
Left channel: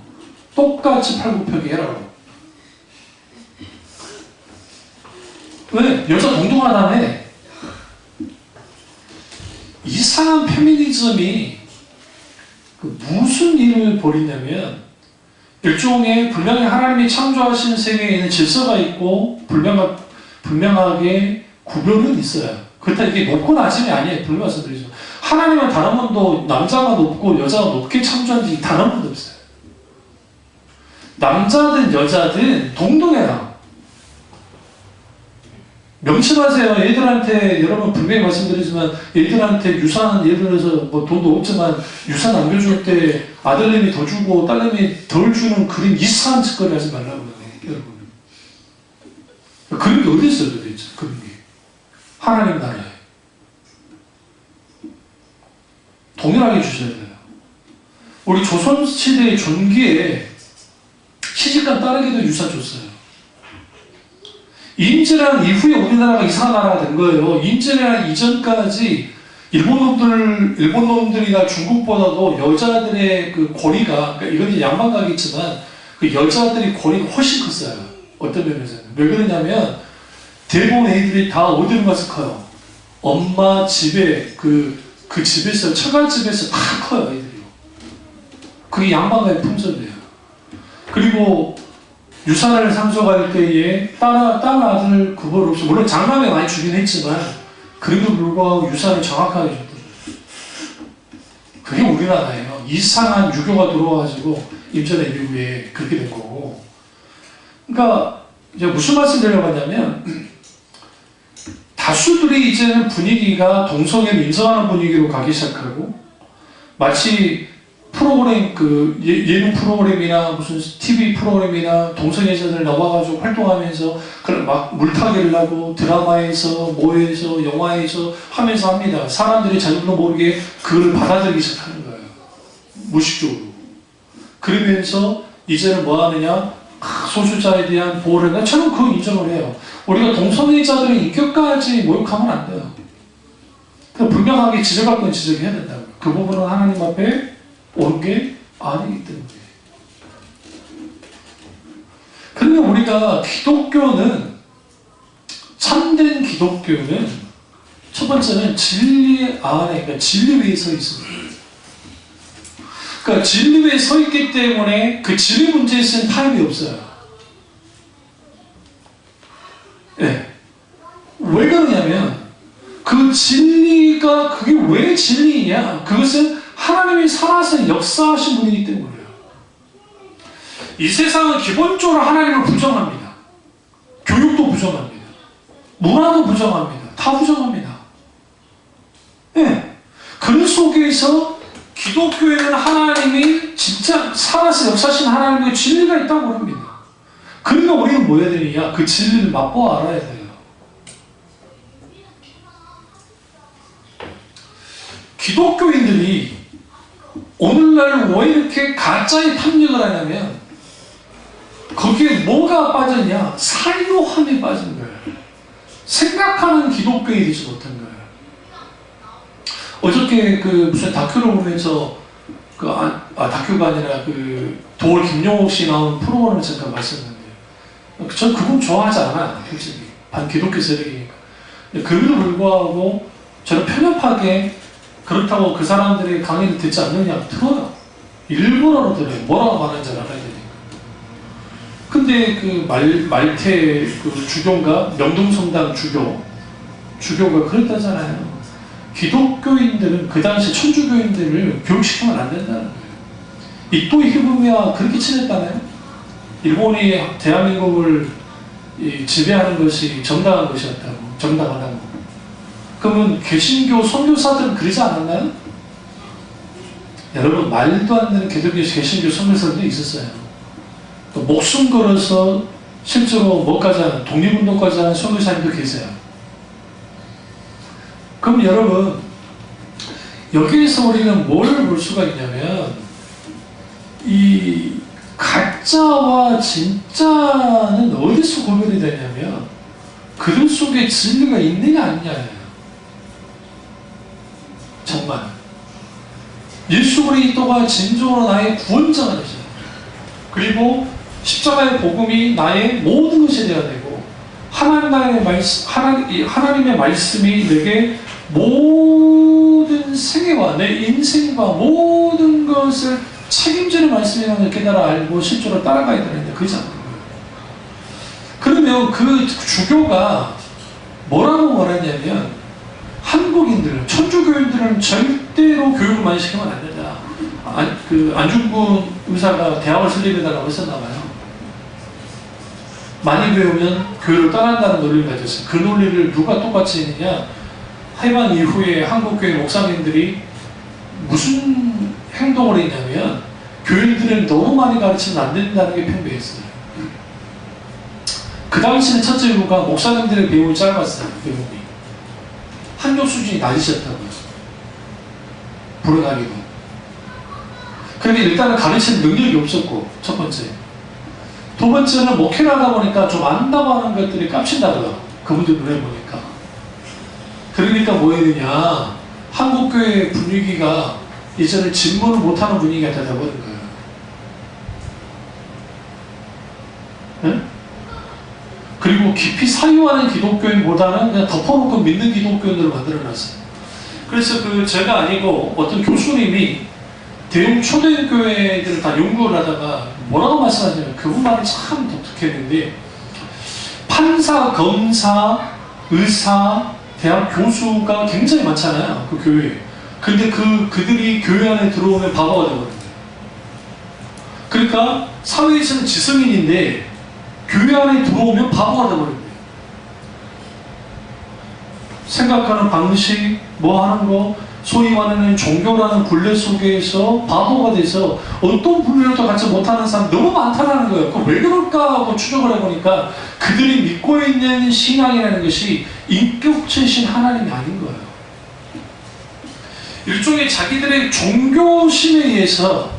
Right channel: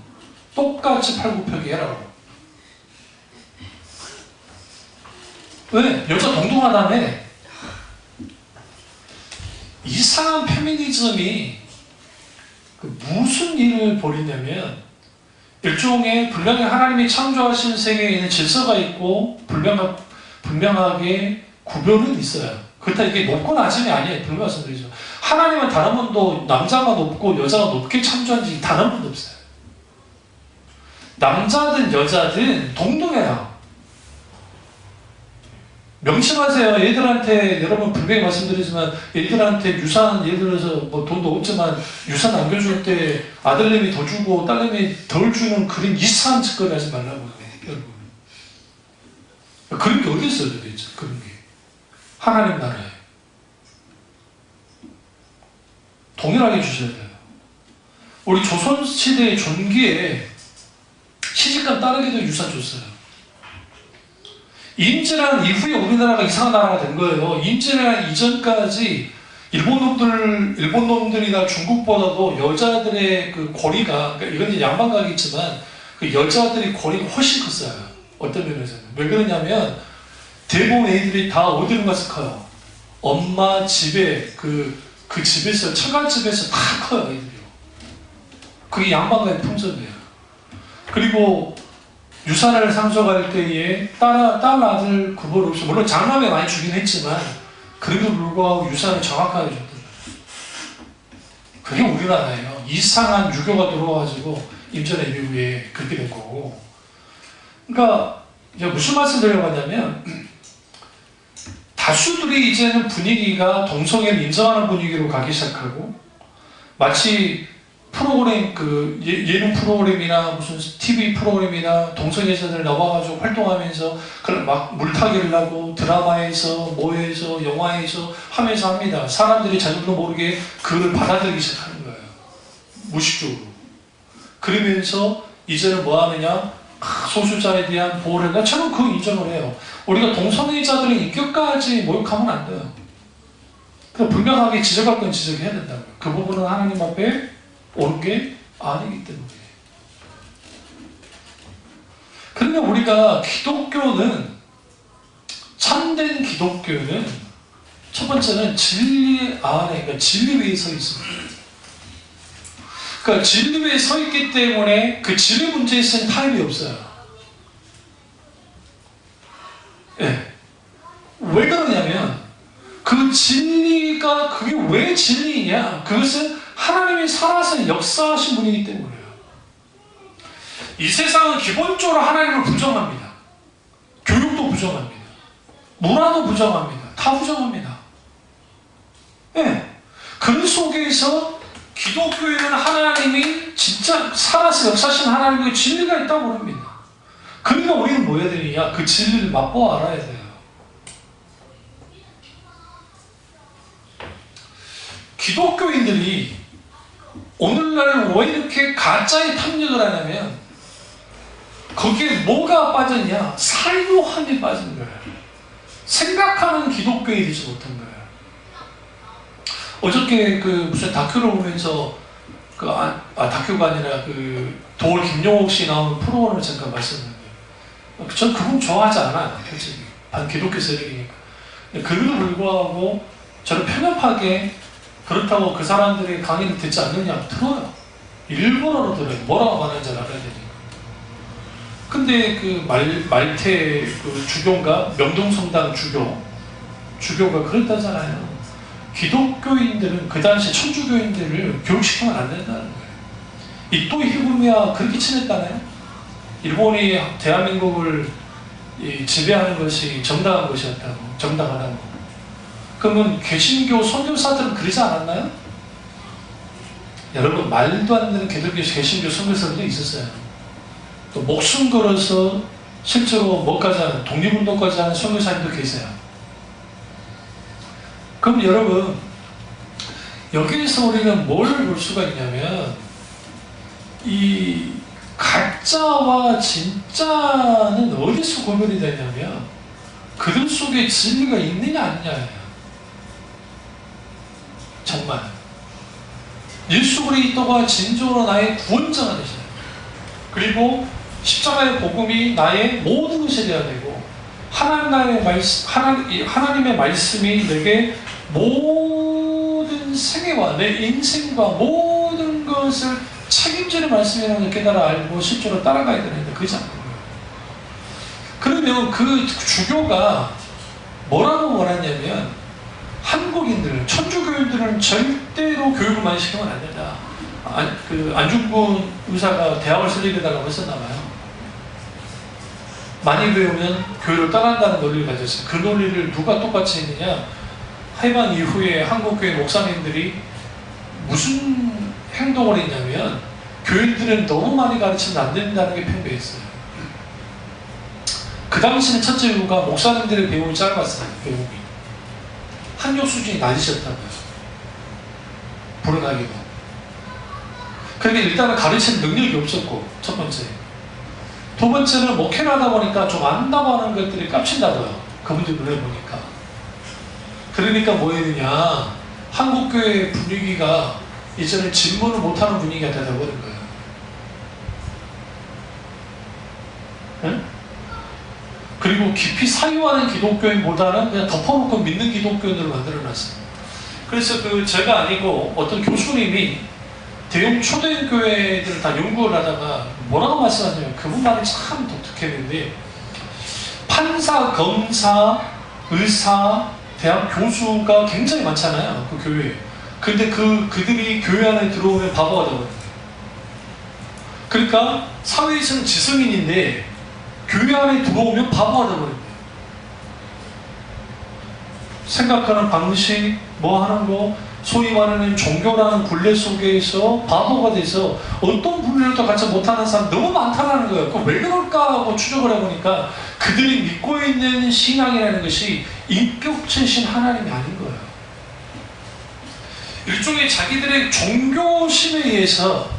똑같이 팔굽혀펴기 해라고. 왜? 여자 동등하다며. 이상한 페미니즘이 무슨 일을 벌이냐면 일종의 분명히 하나님이 창조하신 세계에는 질서가 있고 분명하게 구별은 있어요. 그렇다 이게 높고 낮음이 아니에요. 분명히 말씀드리죠. 하나님은 단 한 번도 남자가 높고 여자가 높게 창조한 적이 단 한 번도 없어요. 남자든 여자든 동등해요. 명심하세요. 애들한테 여러분 분명히 말씀드리지만 애들한테 유산 예를 들어서 뭐 돈도 없지만 유산 남겨줄 때 아들님이 더 주고 딸님이 덜 주는 그런 이상한 짓거리 하지 말라고 그래요. 여러분. 그런 게 어디 있어요, 도대체? 그런 게. 하나님 나라에. 동일하게 주셔야 돼요. 우리 조선시대의 전기에 시집간 딸에게도 유산 줬어요. 임진왜란 이후에 우리나라가 이상한 나라가 된 거예요. 임진왜란 이전까지 일본 놈들이나 중국보다도 여자들의 그 권위가, 그러니까 이건 이제 양반가겠지만, 그 여자들의 권위가 훨씬 컸어요. 어떤 면에서는. 왜 그러냐면, 대부분 애들이 다 어디로 가서 커요? 엄마 집에, 그 집에서, 처갓집에서 다 커요, 애들이요. 그게 양반가의 풍습이에요. 그리고, 유산을 상속할 때에 딸 아들 구분 없이, 물론 장남에 많이 주긴 했지만, 그래도 불구하고 유산을 정확하게 줬더라고요. 그게 우리나라예요. 이상한 유교가 들어와가지고 임진왜란 이후에 그렇게 된 거고. 그러니까 이제 무슨 말씀 드리려고 하냐면, 다수들이 이제는 분위기가 동성애를 인정하는 분위기로 가기 시작하고, 마치 프로그램, 예능 프로그램이나 무슨 TV 프로그램이나 동성애자들 나와가지고 활동하면서 그런 막 물타기를 하고 드라마에서 뭐에서 영화에서 하면서 합니다. 사람들이 자기도 모르게 그걸 받아들이기 시작하는 거예요. 무의식적으로. 그러면서 이제는 뭐 하느냐? 소수자에 대한 보호를 한다. 저는 그거 인정을 해요. 우리가 동성애자들의 인격까지 모욕하면 안 돼요. 그냥 분명하게 지적할 건 지적해야 된다고요. 그 부분은 하나님 앞에 옳은 게 아니기 때문에. 그러면 우리가 기독교는, 참된 기독교는 첫 번째는 진리 안에, 그러니까 진리 위에 서 있습니다. 그러니까 진리 위에 서 있기 때문에 그 진리 문제에 쓴 타협이 없어요. 예. 왜 그러냐면 그 진리가 그게 왜 진리냐? 그것은 하나님이 살아서 역사하신 분이기 때문이에요. 이 세상은 기본적으로 하나님을 부정합니다. 교육도 부정합니다. 문화도 부정합니다. 다 부정합니다. 예. 그 속에서 기독교에는 하나님이 진짜 살아서 역사하신 하나님의 진리가 있다고 합니다. 그러니까 우리는 뭐 해야 되느냐? 그 진리를 맛보아 알아야 돼요. 기독교인들이 오늘날 왜 이렇게 가짜의 탐닉을 하냐면 거기에 뭐가 빠졌냐? 사유함이 빠진 거예요. 생각하는 기독교인이 되지 못한 거예요. 어저께 무슨 다큐를 보면서 다큐가 아니라 도올 김용옥 씨 나오는 프로그램을 잠깐 말씀드렸는데 전 그분 좋아하지 않아요. 솔직히 반기독교 세력이니까. 그럼에도 불구하고 저는 편협하게 그렇다고 그 사람들이 강의를 듣지 않느냐? 들어요. 일본어로 들어요. 뭐라고 하는지 알아야 되니까. 근데 말태 주교인가? 명동성당 주교가 그랬다잖아요. 기독교인들은 그 당시 천주교인들을 교육시키면 안 된다는 거예요. 이토 히부미와 그렇게 친했다네요. 일본이 대한민국을 지배하는 것이 정당한 것이었다고. 정당하다고. 그러면 개신교 선교사들은 그러지 않았나요? 여러분, 말도 안 되는 개신교 선교사들도 있었어요. 또 목숨 걸어서 실제로 뭐까지 하는, 독립운동까지 하는 선교사님도 계세요. 그럼 여러분, 여기에서 우리는 뭘 볼 수가 있냐면 이 가짜와 진짜는 어디서 구별이 되냐면 그들 속에 진리가 있느냐 아니냐예요. 정말 예수 그리스도가 진정으로 나의 구원자가 되셔요. 그리고 십자가의 복음이 나의 모든 것이 되어야 되고 하나님의 말씀이 내게 모든 생애와 내 인생과 모든 것을 책임지는 말씀이라는 걸 깨달아 알고 실제로 따라가야 되는데 그렇지 않는 거예요. 그러면 그 주교가 뭐라고 말했냐면 한국인들은, 천주교인들은 절대로 교육을 많이 시키면 안 된다. 안중근 의사가 대학을 설립해달라고 했었나봐요. 많이 배우면 교육을 떠난다는 논리를 가졌어요. 그 논리를 누가 똑같이 했느냐? 해방 이후에 한국교회 목사님들이 무슨 행동을 했냐면 교인들은 너무 많이 가르치면 안 된다는 게 팽배했어요. 그 당시는 첫째 이유가 목사님들의 배움이 짧았어요. 배움이. 학력 수준이 낮으셨다고요. 불행하게도. 그런데 일단은 가르치는 능력이 없었고, 첫 번째. 두 번째는 목회를 하다 보니까 좀 안다고 하는 것들이 깝친다고요. 그분들 눈에 보니까. 그러니까 뭐 했느냐. 한국교회 분위기가 이제는 질문을 못하는 분위기가 되어버린 거예요. 네? 그리고 깊이 사유하는 기독교인보다는 그냥 덮어놓고 믿는 기독교인으로 만들어놨어요. 그래서 제가 아니고 어떤 교수님이 대형 초대교회들을 다 연구를 하다가 뭐라고 말씀하냐면 그분 말이 참 독특했는데 판사, 검사, 의사, 대학 교수가 굉장히 많잖아요. 그 교회에. 근데 그들이 교회 안에 들어오면 바보가 되거든요. 그러니까 사회에서는 지성인인데 교회 안에 들어오면 바보가 되거든요. 생각하는 방식, 뭐 하는 거, 소위 말하는 종교라는 굴레 속에서 바보가 돼서 어떤 분류도 같이 못하는 사람 너무 많다는 거예요. 그럼 왜 그럴까 하고 추적을 해보니까 그들이 믿고 있는 신앙이라는 것이 인격체신 하나님이 아닌 거예요. 일종의 자기들의 종교심에 의해서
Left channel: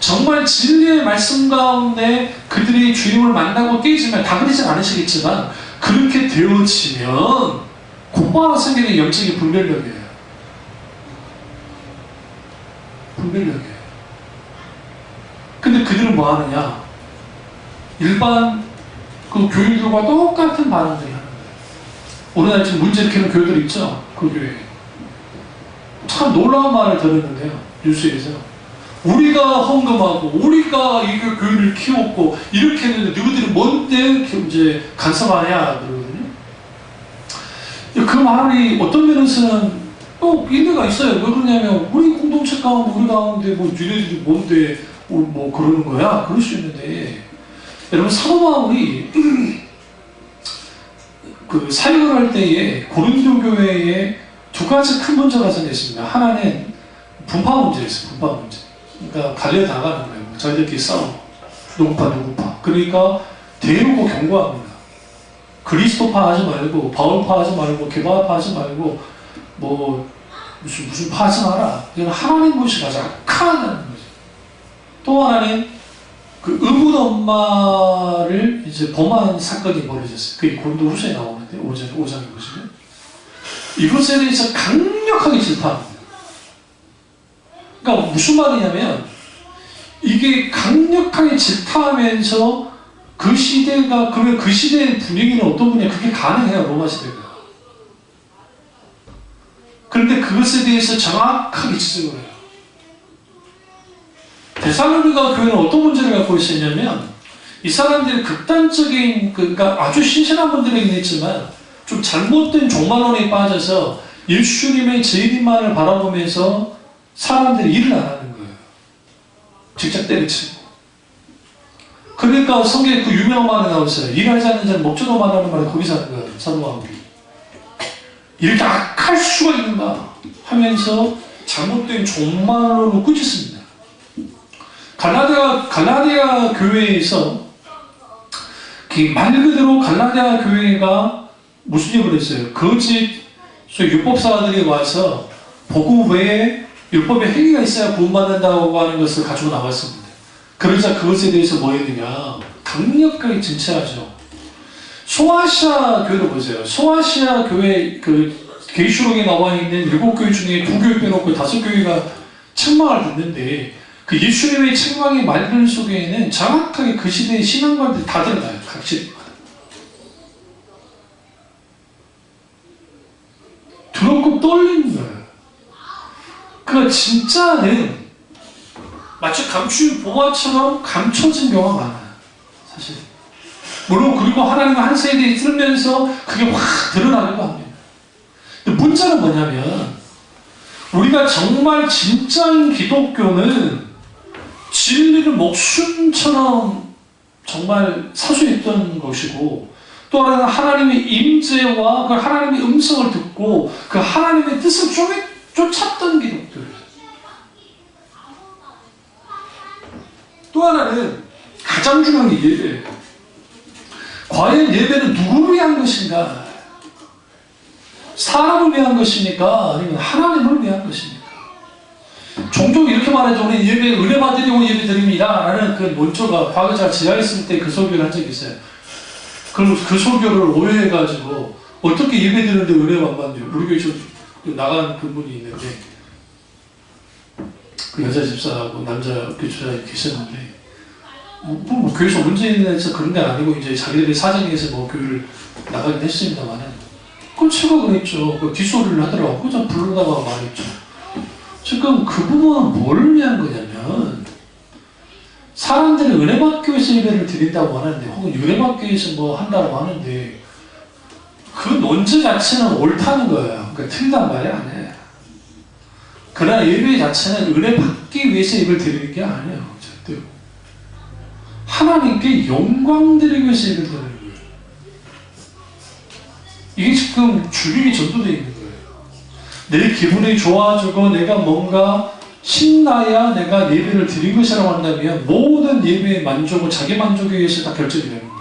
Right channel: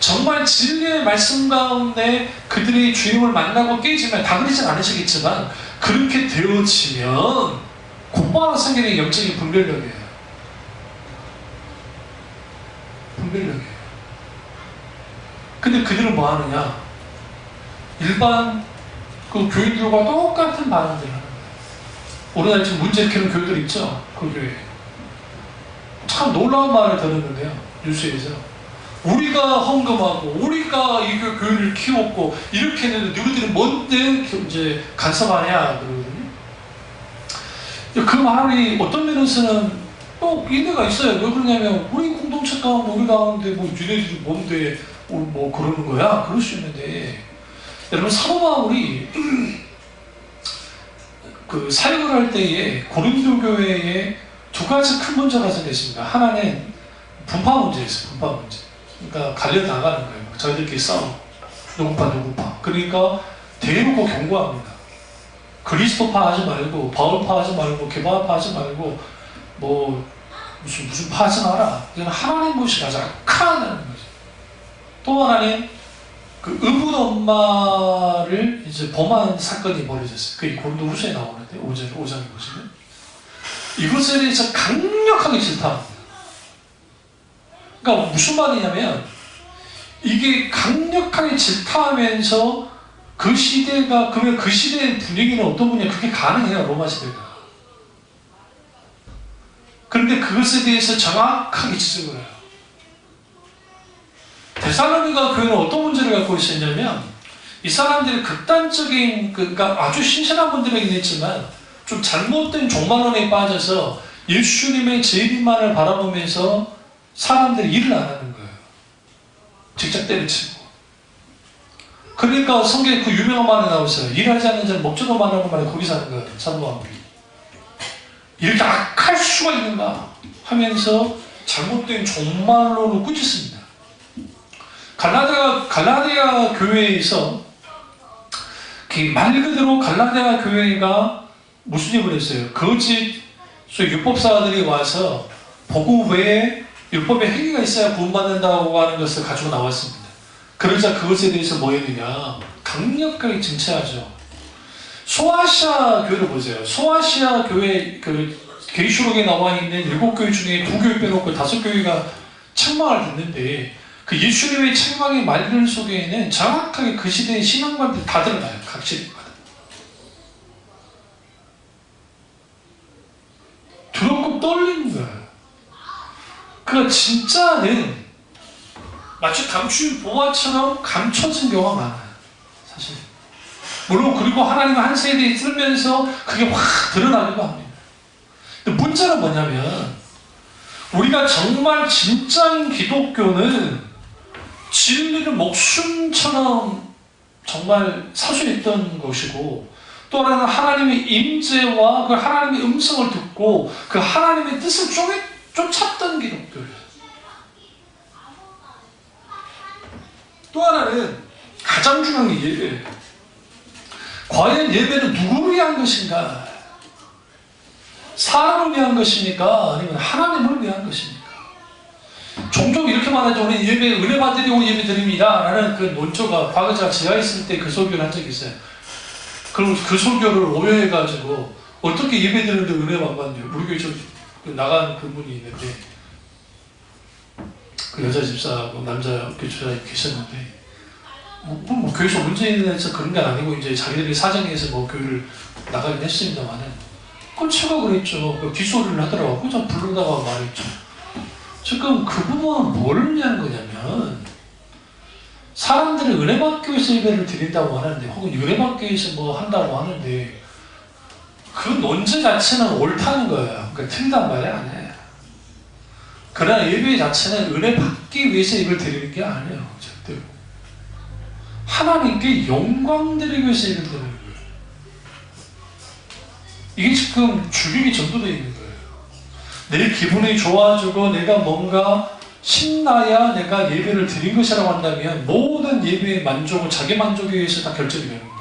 정말 진리의 말씀 가운데 그들이 주님을 만나고 깨지면 다 그러진 않으시겠지만 그렇게 되어지면 곧바로 생기는 영적인 분별력이에요. 분별력이에요. 근데 그들은 뭐 하느냐? 일반 그 교인들과 똑같은 반응들을 하는 거예요. 우리나라에 지금 문제 일으키는 교회들 있죠? 그 교회. 참 놀라운 말을 들었는데요. 뉴스에서. 우리가 헌금하고, 우리가 이 교회를 키웠고, 이렇게 했는데, 너희들이 뭔데 이제 간섭하냐? 그러거든요. 그 말이 어떤 면에서는 또 인내가 있어요. 왜 그러냐면, 우리 공동체 가운데, 우리 가운데, 뭐, 니네들이 뭔데, 뭐, 그러는 거야? 그럴 수 있는데, 여러분, 사도 바울이, 사역을 할 때에 고린도 교회에 두 가지 큰 문제가 생겼습니다. 하나는 분파 문제였어요. 분파 문제. 그러니까 갈려 나가는 거예요. 저희들끼리 싸우고 누구파. 그러니까 대놓고 경고합니다. 그리스도파 하지 말고 바울파 하지 말고 게바파 하지 말고 뭐 무슨 파 하지 마라. 이건 하나님 무시하자. 악하다는 거죠. 또 하나는 그 의붓 엄마를 이제 범한 사건이 벌어졌어요. 그게 고린도후서에 나오는데 5장에 보시면 이것에 대해서 강력하게 질타합니다. 그러니까 무슨 말이냐면 이게 강력하게 질타하면서 그 시대가 그러면 그 시대의 분위기는 어떤 분이냐 그게 가능해요. 로마 시대가. 그런데 그것에 대해서 정확하게 지적을 해요. 데살로니가 교회는 어떤 문제를 갖고 있었냐면 이 사람들이 극단적인 그러니까 아주 신실한 분들이긴 했지만 좀 잘못된 종말론에 빠져서 예수님의 재림만을 바라보면서 사람들이 일을 안 하는 거예요. 직접 때려치고. 그러니까 성경에 그 유명한 말이 나오잖아요. 일하지 않는 자는 먹지도 말라는 말이 거기서 하는 거예요. 사도 바울이. 이렇게 악할 수가 있는가 하면서 잘못된 종말론을 꾸짖습니다. 갈라디아 교회에서 말 그대로 갈라디아 교회가 무슨 일을 했어요? 거짓 율법사들이 와서 복음 외에 율법의 행위가 있어야 구원받는다고 하는 것을 가지고 나왔습니다. 그러자 그것에 대해서 뭐 했느냐? 강력하게 증체하죠. 소아시아 교회를 보세요. 소아시아 교회 계시록에 나와 있는 7교회 중에 2교회 빼놓고 5교회가 책망을 듣는데 그 예수님의 책망의 말들 속에는 정확하게 그 시대의 신앙관들이 다 드러나요. 각 시대마다. 두렵고 떨리는 거예요. 그러니까 진짜는 마치 감추인 보화처럼 감춰진 경우가 많아요. 사실. 물론 그리고 하나님의 한 세대에 들면서 그게 확 드러나기도 합니다. 근데 문제는 뭐냐면 우리가 정말 진짜인 기독교는 진리를 목숨처럼 정말 사수했던 것이고 또 하나는 하나님의 임재와 그 하나님의 음성을 듣고 그 하나님의 뜻을 쫓았던 기독교예요. 또 하나는 가장 중요한 게 이게 과연 예배는 누구를 위한 것인가? 사람을 위한 것입니까? 아니면 하나님을 위한 것입니까? 종종 이렇게 말하죠. 우리 예배 은혜 받으려고 예배 드립니다 라는 그 논조가 과거 제가 있을 때 그 설교를 한 적이 있어요. 그럼 그 설교를 오해해가지고 어떻게 예배 드리는데 은혜만 받냐. 우리 교회 나간 그분이 있는데 그 여자 집사하고 남자 교주사 계셨는데 뭐 교회에서 문제 있는 그런 게 아니고 이제 자기들이 사정에서 뭐 교회를 나가긴 했습니다만은 그건 제가 그랬죠. 그 뒷소리를 하더라고. 그저 부르다가 말했죠. 지금 그분은 뭘 위한 거냐면 사람들이 은혜 받기 위해서 예배를 드린다고 하는데 혹은 은혜 받기 위해서 뭐 한다고 하는데 그 논제 자체는 옳다는 거예요. 그러니까 틀리단 말이 아니에요. 그러나 예배 자체는 은혜 받기 위해서 예배를 드리는 게 아니에요. 절대로. 하나님께 영광 드리기 위해서 예배를 드리는 거예요. 이게 지금 주객이 전도되어 있는 거예요. 내 기분이 좋아지고 내가 뭔가 신나야 내가 예배를 드린 것이라고 한다면 모든 예배의 만족은 자기 만족에 의해서 다 결정이 되는 거예요.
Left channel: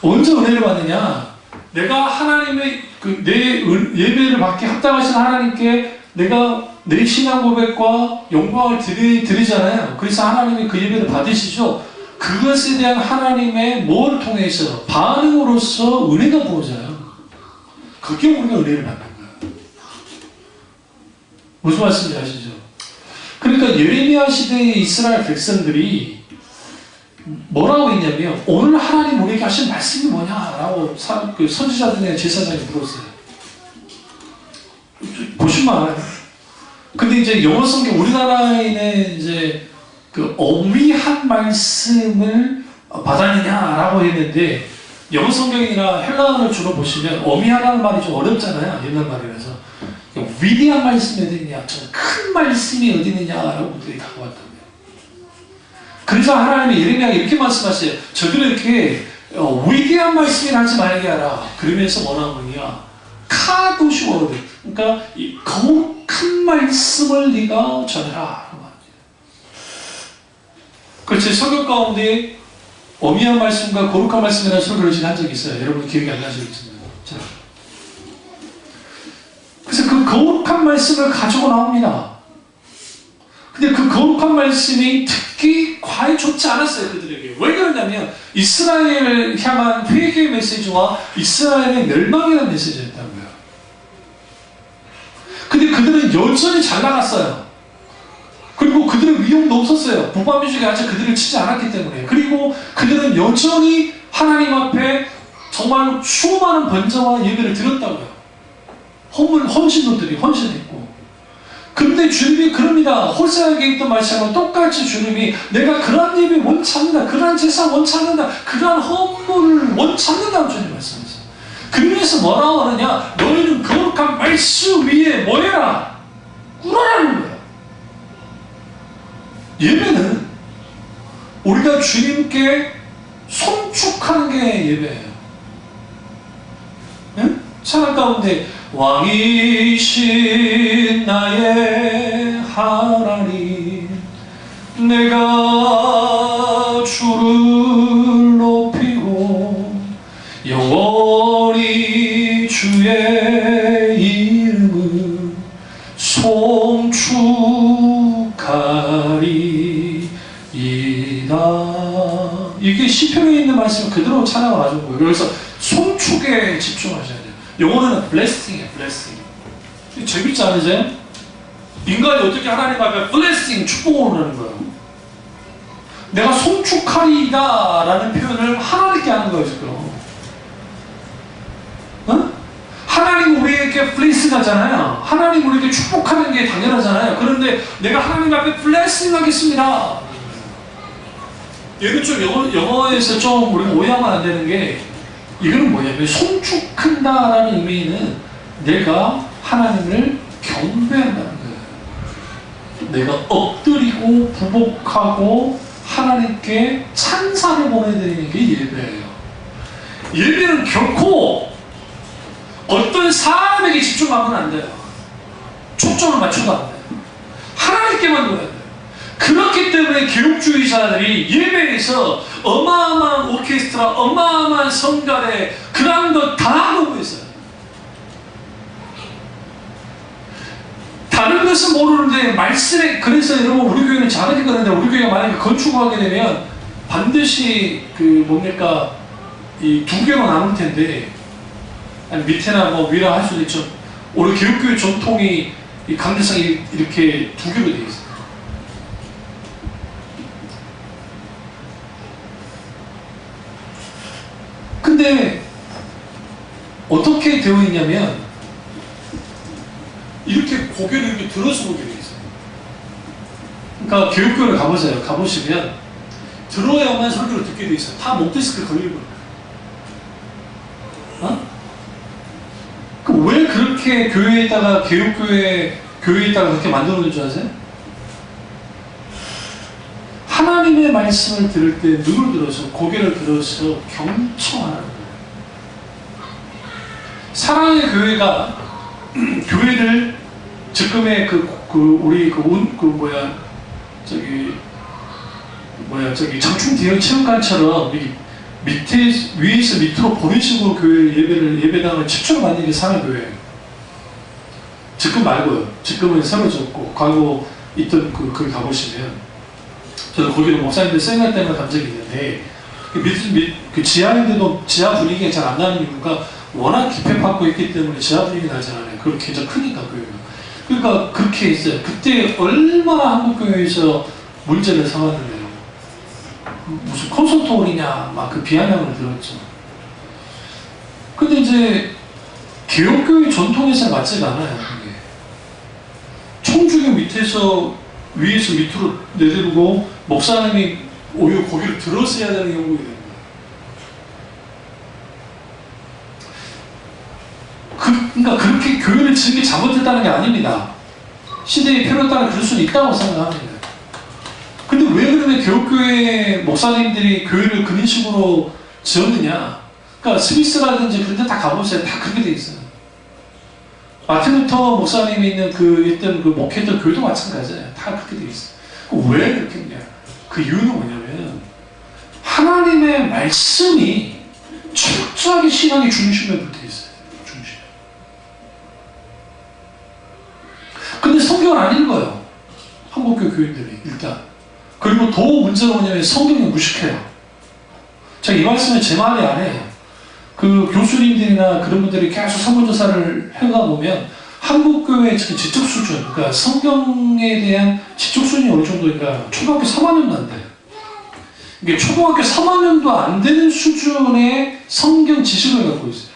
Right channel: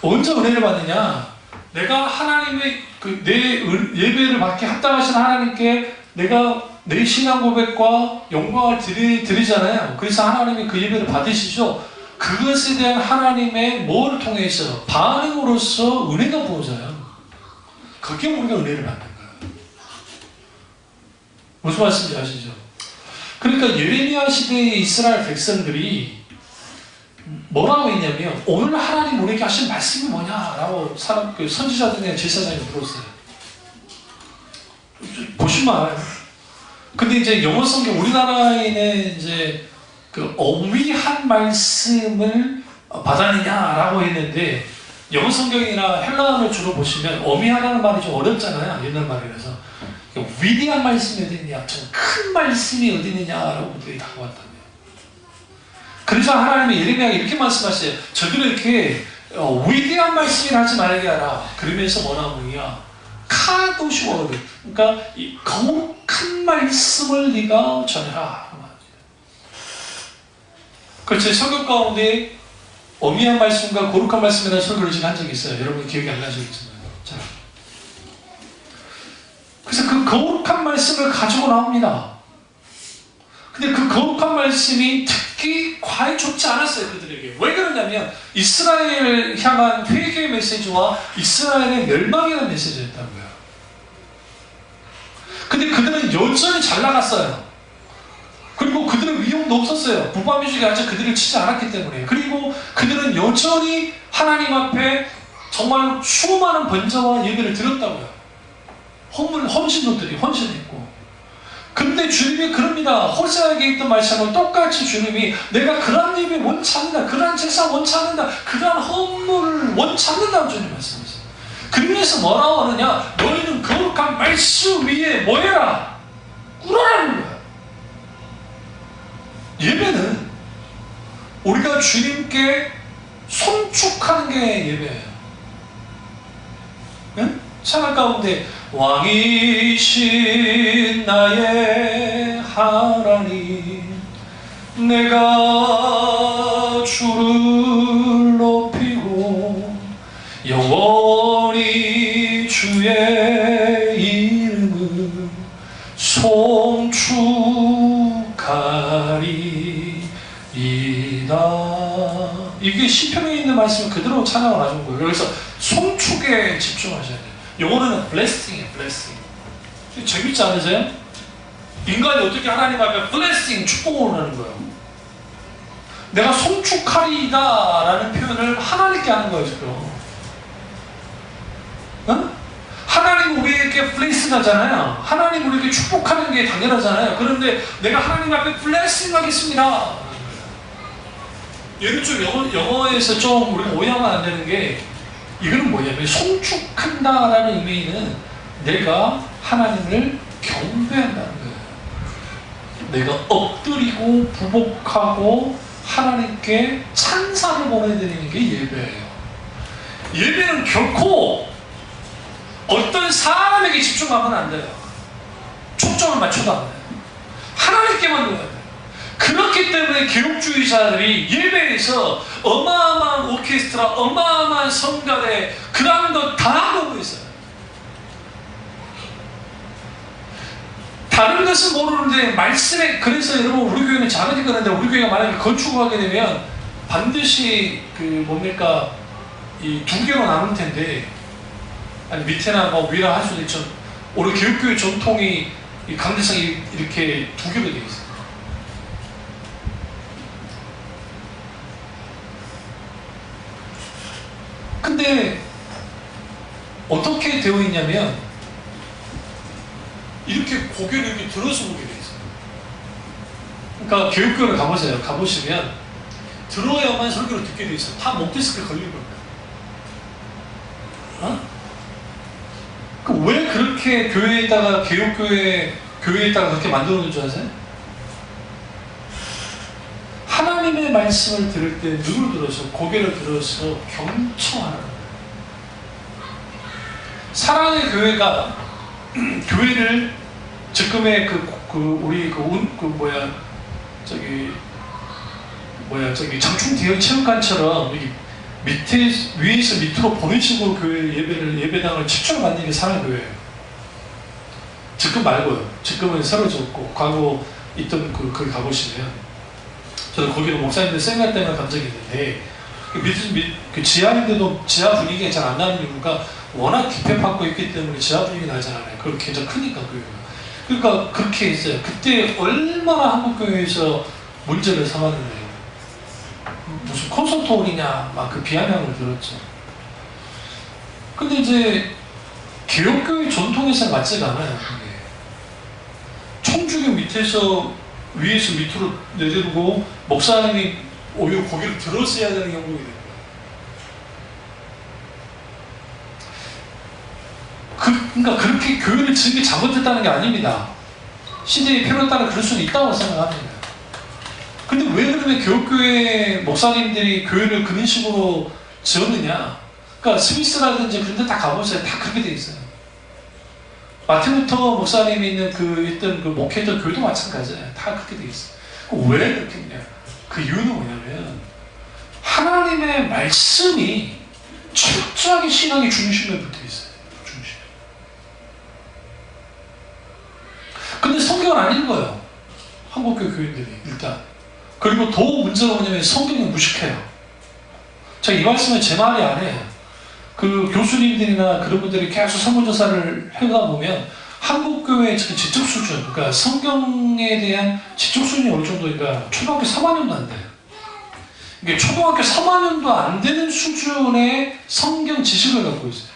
언제 은혜를 받느냐? 내가 하나님의 내 예배를 받게 합당하신 하나님께 내가 내 신앙 고백과 영광을 드리잖아요. 그래서 하나님이 그 예배를 받으시죠. 그것에 대한 하나님의 뭐를 통해서 반응으로서 은혜가 부어져요. 그게 우리가 은혜를 받는 거예요. 무슨 말씀인지 아시죠? 그러니까 예레미야 시대의 이스라엘 백성들이 뭐라고 했냐면 오늘 하나님 우리에게 하신 말씀이 뭐냐라고 선지자들이나 제사장이 물었어요. 보시면 알아요. 근데 이제 영어 성경 우리나라에는 이제 그 어미한 말씀을 받았느냐라고 했는데 영어 성경이나 헬라어를 주로 보시면 어미하라는 말이 좀 어렵잖아요. 옛날 말이라서 위대한 말씀이 어디 있느냐, 좀 큰 말씀이 어디 있느냐라고 분들이 다가왔다고요. 그래서 하나님이 예레미야에게 이렇게 말씀하세요. 저들은 이렇게 위대한 말씀이라 하지 말게 하라. 그러면서 뭐라고 하냐, 카도시 워드, 그러니까 이 거룩한 말씀을 네가 전해라. 그렇죠. 성경 가운데 어미한 말씀과 거룩한 말씀이라는 설교를 제가 한 적이 있어요. 여러분 기억이 안 나시겠습니다. 자, 그래서 그 거룩한 말씀을 가지고 나옵니다. 근데 그 거룩한 말씀이 특히 과히 좋지 않았어요. 그들에게. 왜 그러냐면 이스라엘을 향한 회개의 메시지와 이스라엘의 멸망이라는 메시지였다고요. 근데 그들은 여전히 잘 나갔어요. 그리고 그들의 위험도 없었어요. 북방민족이 아직 그들을 치지 않았기 때문에. 그리고 그들은 여전히 하나님 앞에 정말 수많은 번제와 예배를 드렸다고요. 헌신도들이 헌신했고. 근데 주님이 그럽니다. 호세아에게 있던 말씀은 똑같이 주님이 내가 그러한 예배 원치 않는다. 그러한 제사 원치 않는다. 그러한 헌물을 원치 않는다고 주님 말씀하셨어요. 그러면서 뭐라고 하느냐, 너희는 거룩한 말씀 위에 뭐 해라? 꿇어라는 거예요. 예배는 우리가 주님께 송축하는 게 예배예요. 네? 찬양 가운데 왕이신 나의 하나님, 내가 주를 높이고 영원히 주의 이름을 송축하리이다. 이게 시편에 있는 말씀을 그대로 찬양을 하신 거예요. 그래서 송축에 집중하셔야 돼요. 영어로는 blessing이에요. blessing. 재밌지 않으세요? 인간이 어떻게 하나님 앞에 blessing, 축복을 하는 거예요. 내가 송축하리이다 라는 표현을 하나님께 하는 거예요. 지금. 어? 하나님 우리에게 blessing 하잖아요. 하나님 우리에게 축복하는 게 당연하잖아요. 그런데 내가 하나님 앞에 blessing 하겠습니다. 얘는 좀 영어에서 좀 우리가 오해하면 안 되는 게, 이거는 뭐냐면 송축한다라는 의미는 내가 하나님을 경배한다는 거예요. 내가 엎드리고 부복하고 하나님께 찬사를 보내드리는 게 예배예요. 예배는 결코 어떤 사람에게 집중하면 안 돼요. 초점을 맞춰도 안 돼요. 하나님께만 둬야 돼요. 그렇기 때문에 개혁주의자들이 예배에서 어마어마한 오케스트라, 어마어마한 성가대, 그런 거 다 하고 있어요. 다른 것은 모르는데 말씀에, 그래서 여러분 우리 교회는 작은 거는데 우리 교회가 만약에 건축을 하게 되면 반드시 뭡니까 이 두 개로 나눌 텐데, 아니 밑에나 뭐 위라 할 수도 있죠. 우리 교육교회 전통이 이 강대상이 이렇게 두 개로 되어 있어요. 근데 어떻게 되어 있냐면 이렇게 고개를 이렇게 들어서 보게 되어 있어요. 그러니까 교육교회를 가보세요. 가보시면 들어야만 설교를 듣게 되어 있어요. 다 목디스크 걸리고. 왜 그렇게 교회에다가 교회에다가 그렇게 만들어놓은 줄 아세요? 하나님의 말씀을 들을 때 눈을 들어서 고개를 들어서 경청하는 거예요. 사랑의 교회가 교회를 지금의 저기 장충 대여 체험관처럼 위에서 밑으로 보는 식으로 교회 예배당을 최초로 만든 게 사랑교회예요. 지금 말고요. 지금은 새로졌고 과거 있던 거기 가보시면 저는 거기도 목사님들 생각 때문에 간 적이 있는데 그 지하인데도 지하 분위기가 잘 안 나는 이유가 워낙 기폐받고 있기 때문에 지하 분위기 나지 않아요. 그리고 굉장히 크니까 교회가. 그러니까 그렇게 했어요. 그때 얼마나 한국교회에서 문제를 삼았는데 무슨 콘서트홀이냐 막 그 비아냥을 들었죠. 근데 이제 개혁교회 전통에서 맞지가 않아요. 그게. 총주교 밑에서 위에서 밑으로 내려오고 목사님이 오히려 고개를 들었어야 되는 경우가 있는 거예요. 그러니까 그렇게 교회를 지은 게 잘못됐다는 게 아닙니다. 시대의 필요에 따라 그럴 수는 있다고 생각합니다. 근데 왜 그러면 교육교회 목사님들이 교회를 그런 식으로 지었느냐? 그러니까 스위스라든지 그런 데 다 가보세요. 다 그렇게 돼 있어요. 마틴 루터 목사님이 있는 있던 목회자 교회도 마찬가지예요. 다 그렇게 돼 있어요. 왜 그렇게 했냐? 그 이유는 뭐냐면 하나님의 말씀이 철저하게 신앙의 중심에 붙어 있어요. 중심. 근데 성경을 안 읽어요. 한국교 교인들이 일단. 그리고 더 문제가 뭐냐면 성경을 무식해요. 제가 이 말씀은 제 말이 아니에요. 그 교수님들이나 그런 분들이 계속 설문조사를 해가 보면 한국교회의 지적 수준, 그러니까 성경에 대한 지적 수준이 어느 정도인가 초등학교 3학년도 안 돼요. 이게 초등학교 3학년도 안 되는 수준의 성경 지식을 갖고 있어요.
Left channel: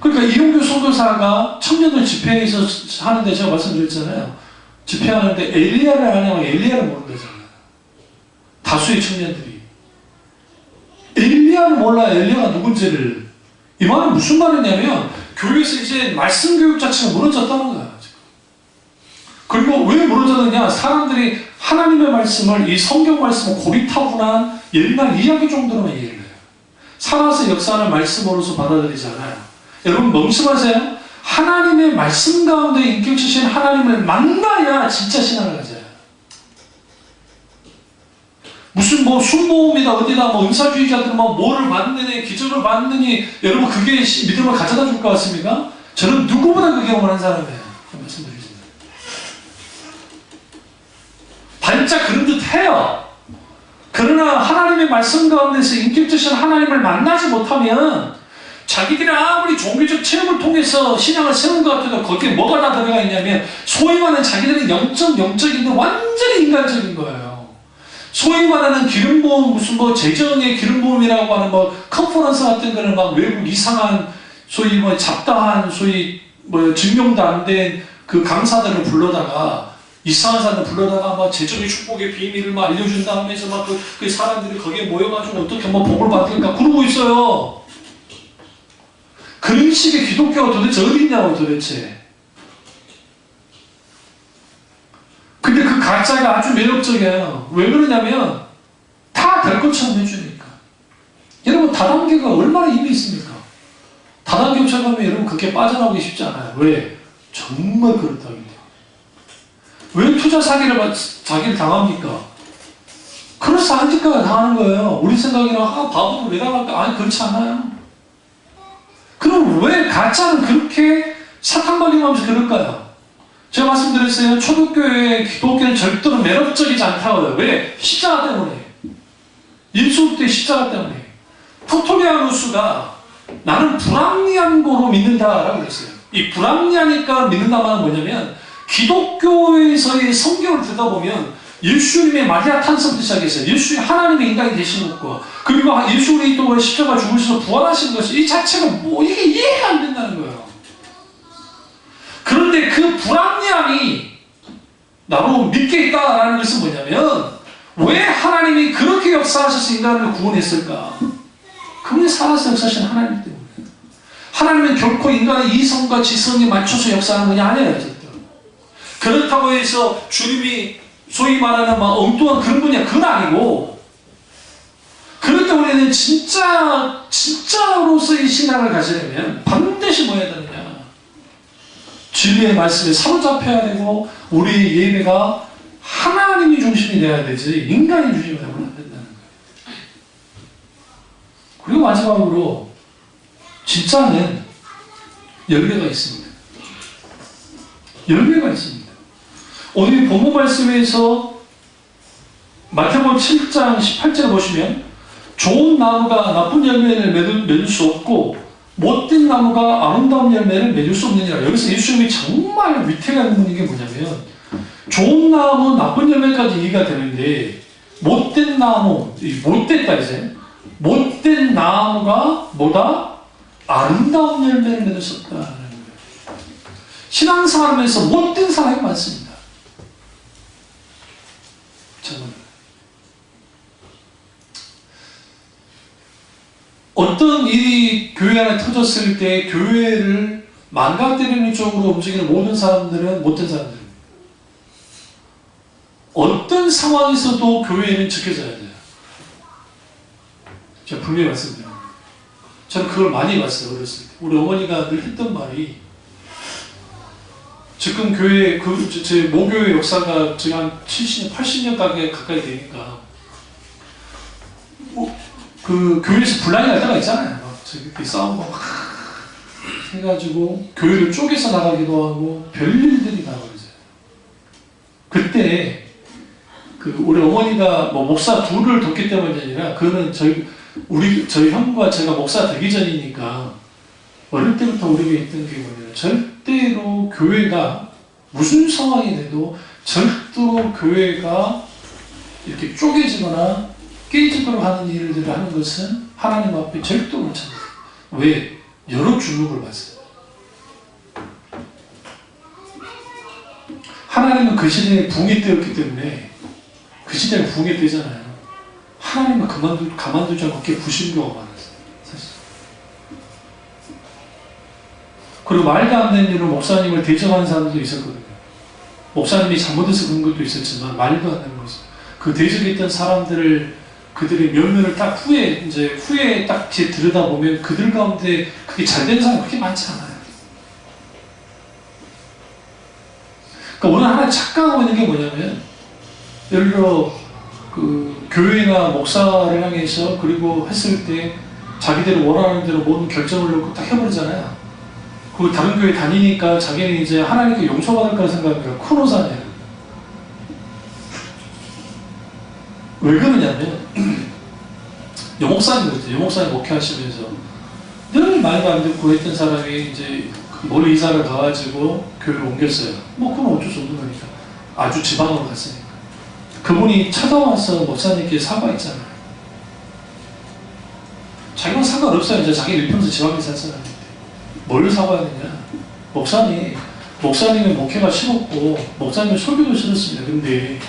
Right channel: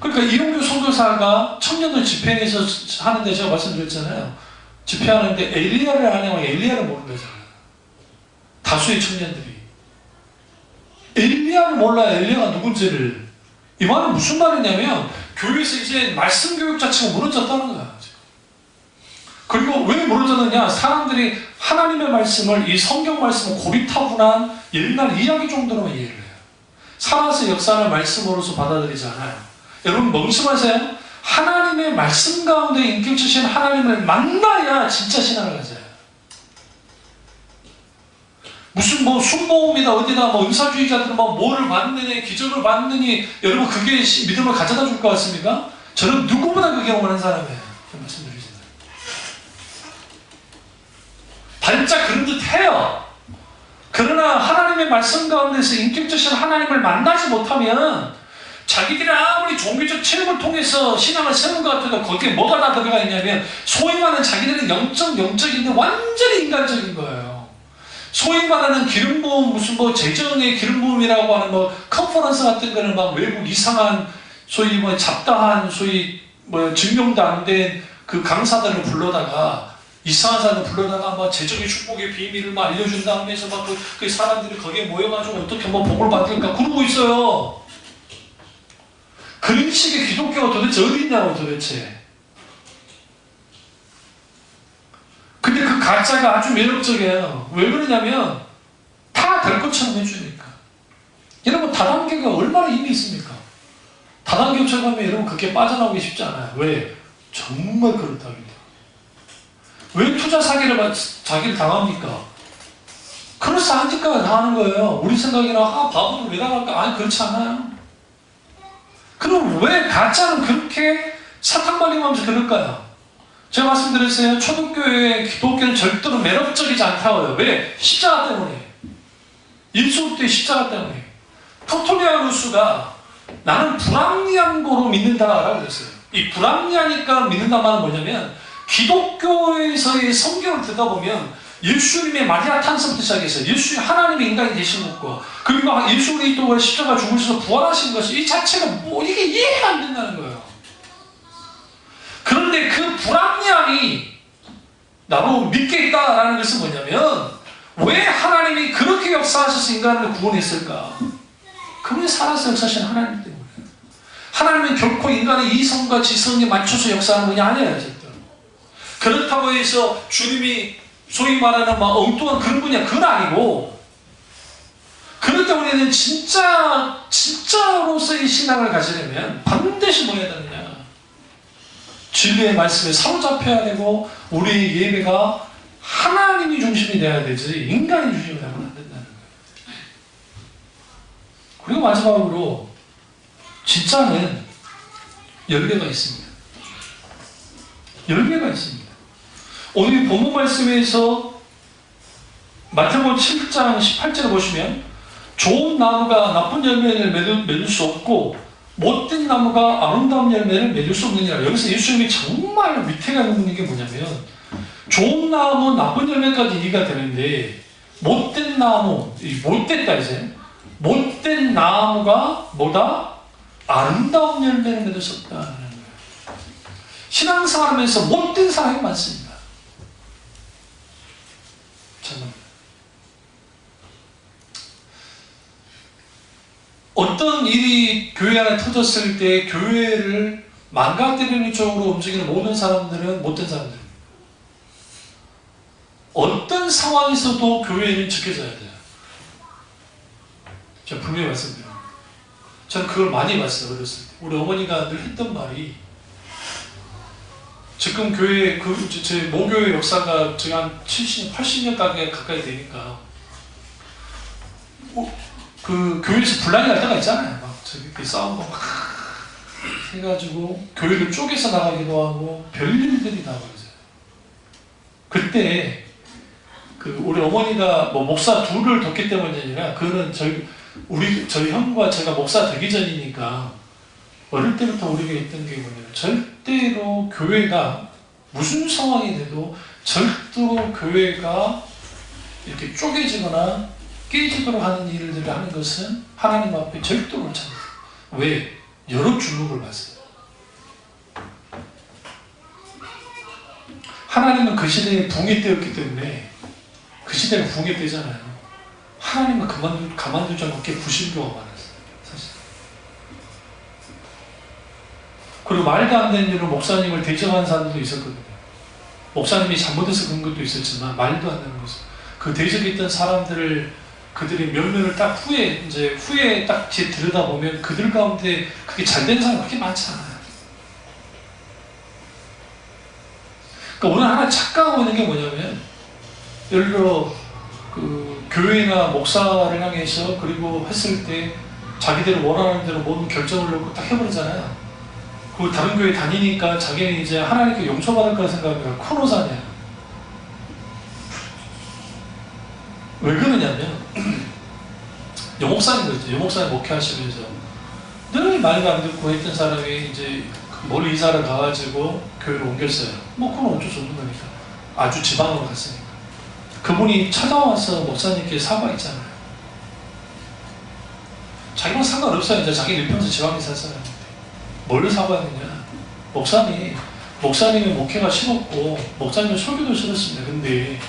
그러니까 이용규 선교사가 청년들 집회에서 하는데 제가 말씀드렸잖아요. 집회하는데 엘리야를 아냐면 엘리야를 모른다잖아요. 다수의 청년들이 엘리야를 몰라요. 엘리야가 누군지를. 이 말은 무슨 말이냐면 교회에서 이제 말씀 교육 자체가 무너졌다는 거야. 그리고 왜 무너졌느냐? 사람들이 하나님의 말씀을, 이 성경 말씀을 고리타분한 옛날 이야기 정도로만 이해를 해요. 살아서 역사하는 말씀으로서 받아들이지 않아요. 여러분 멍청하세요? 하나님의 말씀 가운데 인격주신 하나님을 만나야 진짜 신앙을 가져요. 무슨 순모음이다 어디다 은사주의자들은 뭐를 받느니 기적을 받느니 여러분 그게 믿음을 가져다 줄 것 같습니까? 저는 누구보다 그 경험을 한 사람이에요. 말씀드리겠습니다. 반짝 그런 듯 해요. 그러나 하나님의 말씀 가운데서 인격주신 하나님을 만나지 못하면 자기들이 아무리 종교적 체험을 통해서 신앙을 세운 것 같아도 거기에 뭐가 다 들어가 있냐면 소위 말하는 자기들은 영적인데 완전히 인간적인 거예요. 소위 말하는 기름 부음 무슨 재정의 기름 부음이라고 하는 컨퍼런스 같은 거는 외국 이상한 소위 잡다한 소위 증명도 안 된 그 강사들을 불러다가 이상한 사람을 불러다가 재정의 축복의 비밀을 알려준다 하면서 그 사람들이 거기에 모여가지고 어떻게 복을 받을까 그러고 있어요. 그런 식의 기독교가 도대체 어디 있냐고 도대체. 근데 그 가짜가 아주 매력적이에요. 왜 그러냐면 다 될 것처럼 해주니까. 여러분 다단계가 얼마나 힘이 있습니까? 다단계처럼 하면 여러분 그렇게 빠져나오기 쉽지 않아요. 왜? 정말 그렇답니다. 왜 투자 사기를 자기를 당합니까? 그럴싸하니까 당하는 거예요. 우리 생각에는 바보도 왜 당할까? 아니 그렇지 않아요. 그럼 왜 가짜는 그렇게 사탕발림하면서 그럴까요? 제가 말씀드렸어요. 초대교회의 기독교는 절대로 매력적이지 않다고요. 왜? 십자가 때문에. 예수 때 십자가 때문에. 토토리아누스가 나는 불합리한 거로 믿는다라고 그랬어요. 이 불합리하니까 믿는다 말은 뭐냐면 기독교에서의 성경을 듣다 보면 예수님의 마리아 탄생부터 시작해서 예수님 하나님의 인간이 되신 것과 그리고 예수 그리스도가 십자가 죽으셔서 부활하신 것이 이 자체가 이게 이해가 안 된다는 거예요. 그런데 그 불합리함이 나로 믿겠다라는 것은 뭐냐면 왜 하나님이 그렇게 역사하셔서 인간을 구원했을까? 그분이 살아서 역사하시는 하나님 때문에. 하나님은 결코 인간의 이성과 지성에 맞춰서 역사하는 분이 아니에요. 절대로. 그렇다고 해서 주님이 소위 말하는 엉뚱한 그런 분이야. 그건 아니고. 그럴 때 우리는 진짜로서의 신앙을 가지려면 반드시 뭐 해야 되느냐. 진리의 말씀에 사로잡혀야 되고 우리 예배가 하나님이 중심이 돼야 되지 인간이 중심이 되면 안 된다는 거예요. 그리고 마지막으로 진짜는 열매가 있습니다. 열매가 있습니다. 오늘 본문 말씀에서 마태복음 7장 18절을 보시면 좋은 나무가 나쁜 열매를 맺을 수 없고 못된 나무가 아름다운 열매를 맺을 수 없느니라. 여기서 예수님이 정말 위태가 있는 게 뭐냐면 좋은 나무, 나쁜 열매까지 이해가 되는데 못된 나무, 못됐다 이제 못된 나무가 뭐다? 아름다운 열매를 맺을 수 없다는 거예요. 신앙생활하면서 못된 사람이 많습니다. 정말. 어떤 일이 교회 안에 터졌을 때 교회를 망가뜨리는 쪽으로 움직이는 모든 사람들은 못된 사람들입니다. 어떤 상황에서도 교회는 지켜져야 돼요. 제가 분명히 말씀드립니다. 저는 그걸 많이 봤어요. 어렸을 때. 우리 어머니가 늘 했던 말이 지금 교회, 제 모교의 역사가 저희 한 70년, 80년 가까이 되니까 그 교회에서 분란이 날 때가 있잖아요. 막 저기 싸우고 막 해가지고 교회를 쪼개서 나가기도 하고 별일들이 다 벌어져요. 그때 우리 어머니가 목사 둘을 뒀기 때문이 아니라 그거는 저희 형과 제가 목사 되기 전이니까 어릴 때부터 우리가 했던 게 뭐냐면 절대로 교회가 무슨 상황이 돼도 절대로 교회가 이렇게 쪼개지거나 깨지도록 하는 일들을 하는 것은 하나님 앞에 절대로 옳지 않아요. 왜? 여러 주목을 받아요. 하나님은 그 시대에 붕이 뜨였기 때문에 그 시대가 붕이 뜨잖아요. 하나님은 가만두지 않고 그렇게 부심교가 많았어요. 사실. 그리고 말도 안 되는 일로 목사님을 대적하는 사람도 있었거든요. 목사님이 잘못해서 그런 것도 있었지만 말도 안 되는 거죠. 그 대적했던 사람들을 그들의 면면을 딱 후에 딱 들여다보면 그들 가운데 그게 잘된 사람이 그렇게 많지 않아요. 그러니까 오늘 하나 착각하고 있는 게 뭐냐면 예를 들어 교회나 목사를 향해서 그리고 했을 때 자기들이 원하는 대로 모든 결정을 놓고 딱 해버리잖아요. 그리고 다른 교회 다니니까 자기는 이제 하나님께 용서받을 거라 생각하니까 큰 오산이에요. 왜 그러냐면 여목사님 목회하시면서 늘 말도 안 듣고 했던 사람이 이제 멀리 이사를 가가지고 교회를 옮겼어요. 그건 어쩔 수 없는 거니까. 아주 지방으로 갔으니까. 그분이 찾아와서 목사님께 사과했잖아요. 자기는 상관없어요. 이제 자기 일평생 지방에 살 사람인데 뭘 사과했느냐. 목사님의 목회가 싫었고 목사님의 설교도 싫었습니다. 근데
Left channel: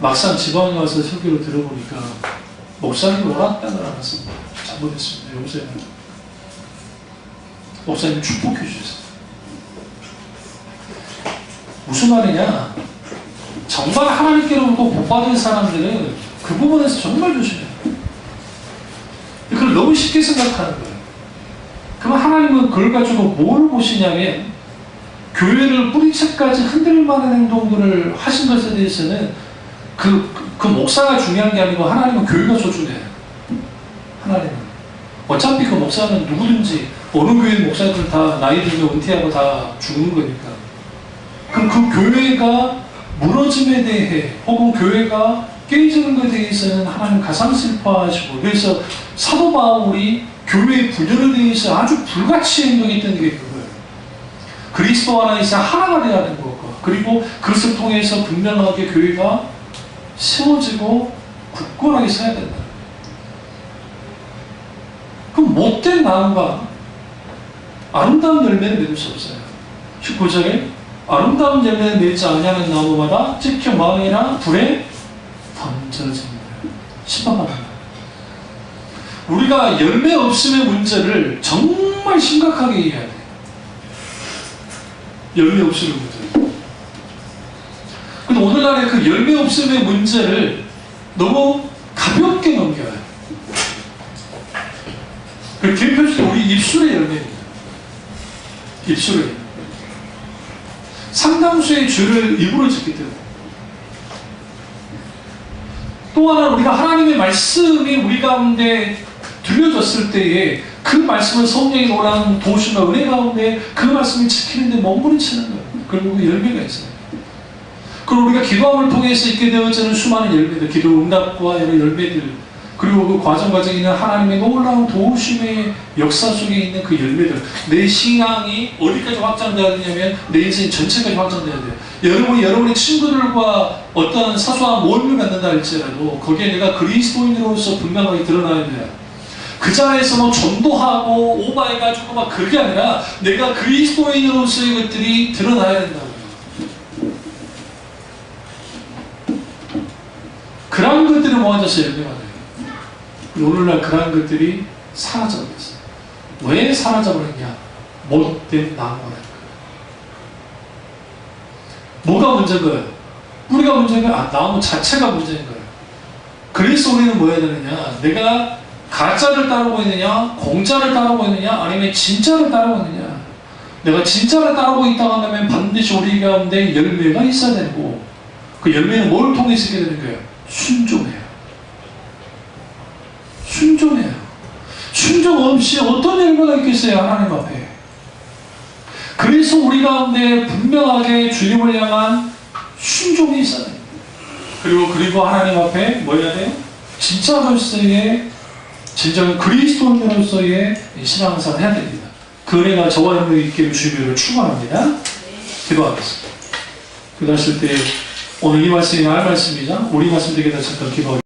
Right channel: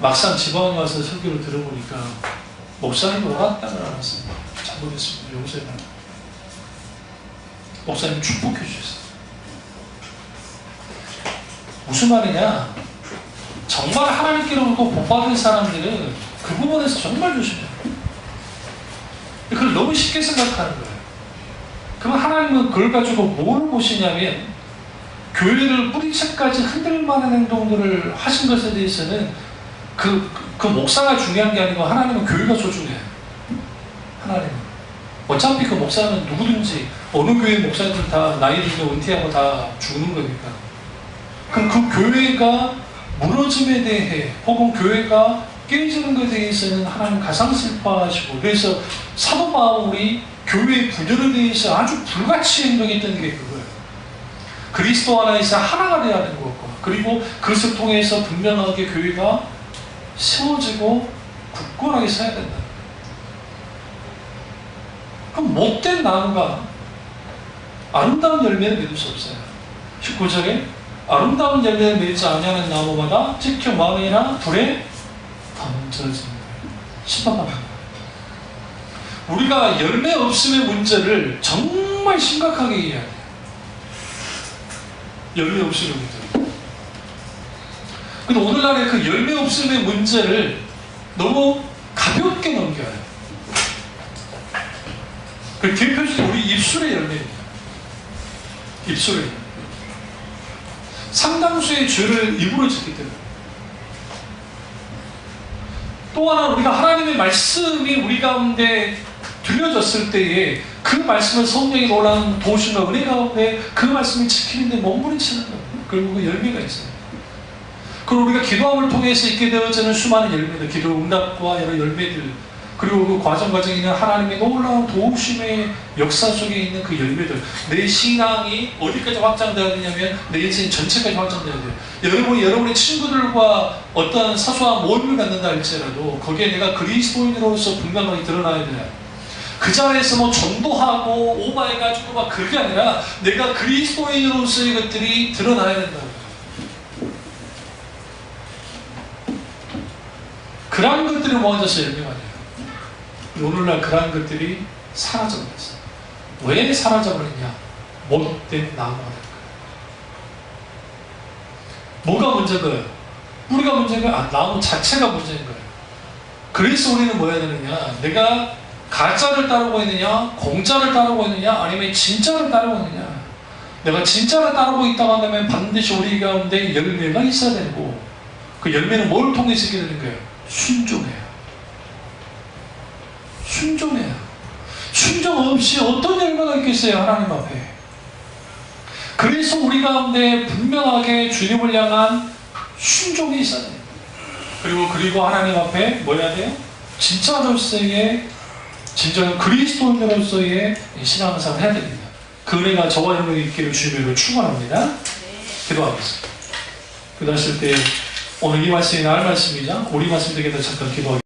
막상 지방에 와서 설교를 들어보니까 목사님이 옳았다는 걸 알았습니다. 잘못했습니다. 용서해달라. 목사님 축복해 주셨어요. 무슨 말이냐? 정말 하나님께로부터 복받은 사람들은 그 부분에서 정말 조심해요. 그걸 너무 쉽게 생각하는 거예요. 그럼 하나님은 그걸 가지고 뭘 보시냐면 교회를 뿌리채까지 흔들 만한 행동들을 하신 것에 대해서는 그 목사가 중요한 게 아니고 하나님은 교회가 소중해요. 하나님은. 어차피 그 목사는 누구든지 어느 교회 목사들 다 나이 들면 은퇴하고 다 죽는 거니까. 그럼 그 교회가 무너짐에 대해 혹은 교회가 깨지는 것에 대해서는 하나님 가장 슬퍼하시고, 그래서 사도 바울이 교회의 분열에 대해서 아주 불같이 행동했던 게 그거예요. 그리스도 안에서 하나가 되어야 하는 것과, 그리고 그것을 통해서 분명하게 교회가 세워지고 굳건하게 서야 된다. 그럼 못된 나무가 아름다운 열매를 맺을 수 없어요. 19절에 아름다운 열매를 맺지 아니하는 나무마다 찍혀 마음이나 불에 던져진다. 심판받는다. 우리가 열매 없음의 문제를 정말 심각하게 이해해야 돼요. 열매 없음의 문제. 근데 오늘날의 그 열매 없음의 문제를 너무 가볍게 넘겨야 해요. 그 대표적으로 우리 입술의 열매입니다. 입술의 열매. 상당수의 죄를 입으로 짓기 때문에. 또 하나 우리가 하나님의 말씀이 우리 가운데 들려졌을 때에 그 말씀을 성령이 놀라운 도우심과 은혜 가운데 그 말씀이 지키는데 몸부림치는 거예요. 그리고 그 열매가 있어요. 그리고 우리가 기도함을 통해서 있게 되어지는 수많은 열매들, 기도 응답과 여러 열매들, 그리고 그 과정에 있는 하나님의 놀라운 도우심의 역사 속에 있는 그 열매들. 내 신앙이 어디까지 확장되어야 되냐면 내 인생 전체까지 확장되어야 돼요. 여러분의 친구들과 어떤 사소한 모임을 갖는다 할지라도 거기에 내가 그리스도인으로서 분명하게 드러나야 돼요. 그 자리에서 뭐 전도하고 오바해가지고 막 그게 아니라 내가 그리스도인으로서의 것들이 드러나야 된다고. 그러한 것들이 모아져서 열매가 돼요. 오늘날 그러한 것들이 사라져버렸어요. 왜 사라져버렸냐? 못된 나무가 된 거예요. 뭐가 문제인가요? 뿌리가 문제인가요? 나무 자체가 문제인 거예요. 그래서 우리는 뭐 해야 되느냐? 내가 가짜를 따르고 있느냐? 공짜를 따르고 있느냐? 아니면 진짜를 따르고 있느냐? 내가 진짜를 따르고 있다고 한다면 반드시 우리 가운데 열매가 있어야 되고, 그 열매는 뭘 통해서 있게 되는 거예요? 순종해요. 순종해요. 순종 없이 어떤 열매가 있겠어요? 하나님 앞에. 그래서 우리 가운데 분명하게 주님을 향한 순종이 있어야 돼요. 그리고 하나님 앞에 뭐 해야 돼요? 진짜로서의 진정한 그리스도인으로서의 신앙생활을 해야 됩니다. 그 은혜가 저와 여러분에게 있기를 주님으로 축원합니다. 기도하겠습니다. 기도하실 때 오늘 이 말씀이 나의 말씀이자 우리 말씀 되게 되셨던 기도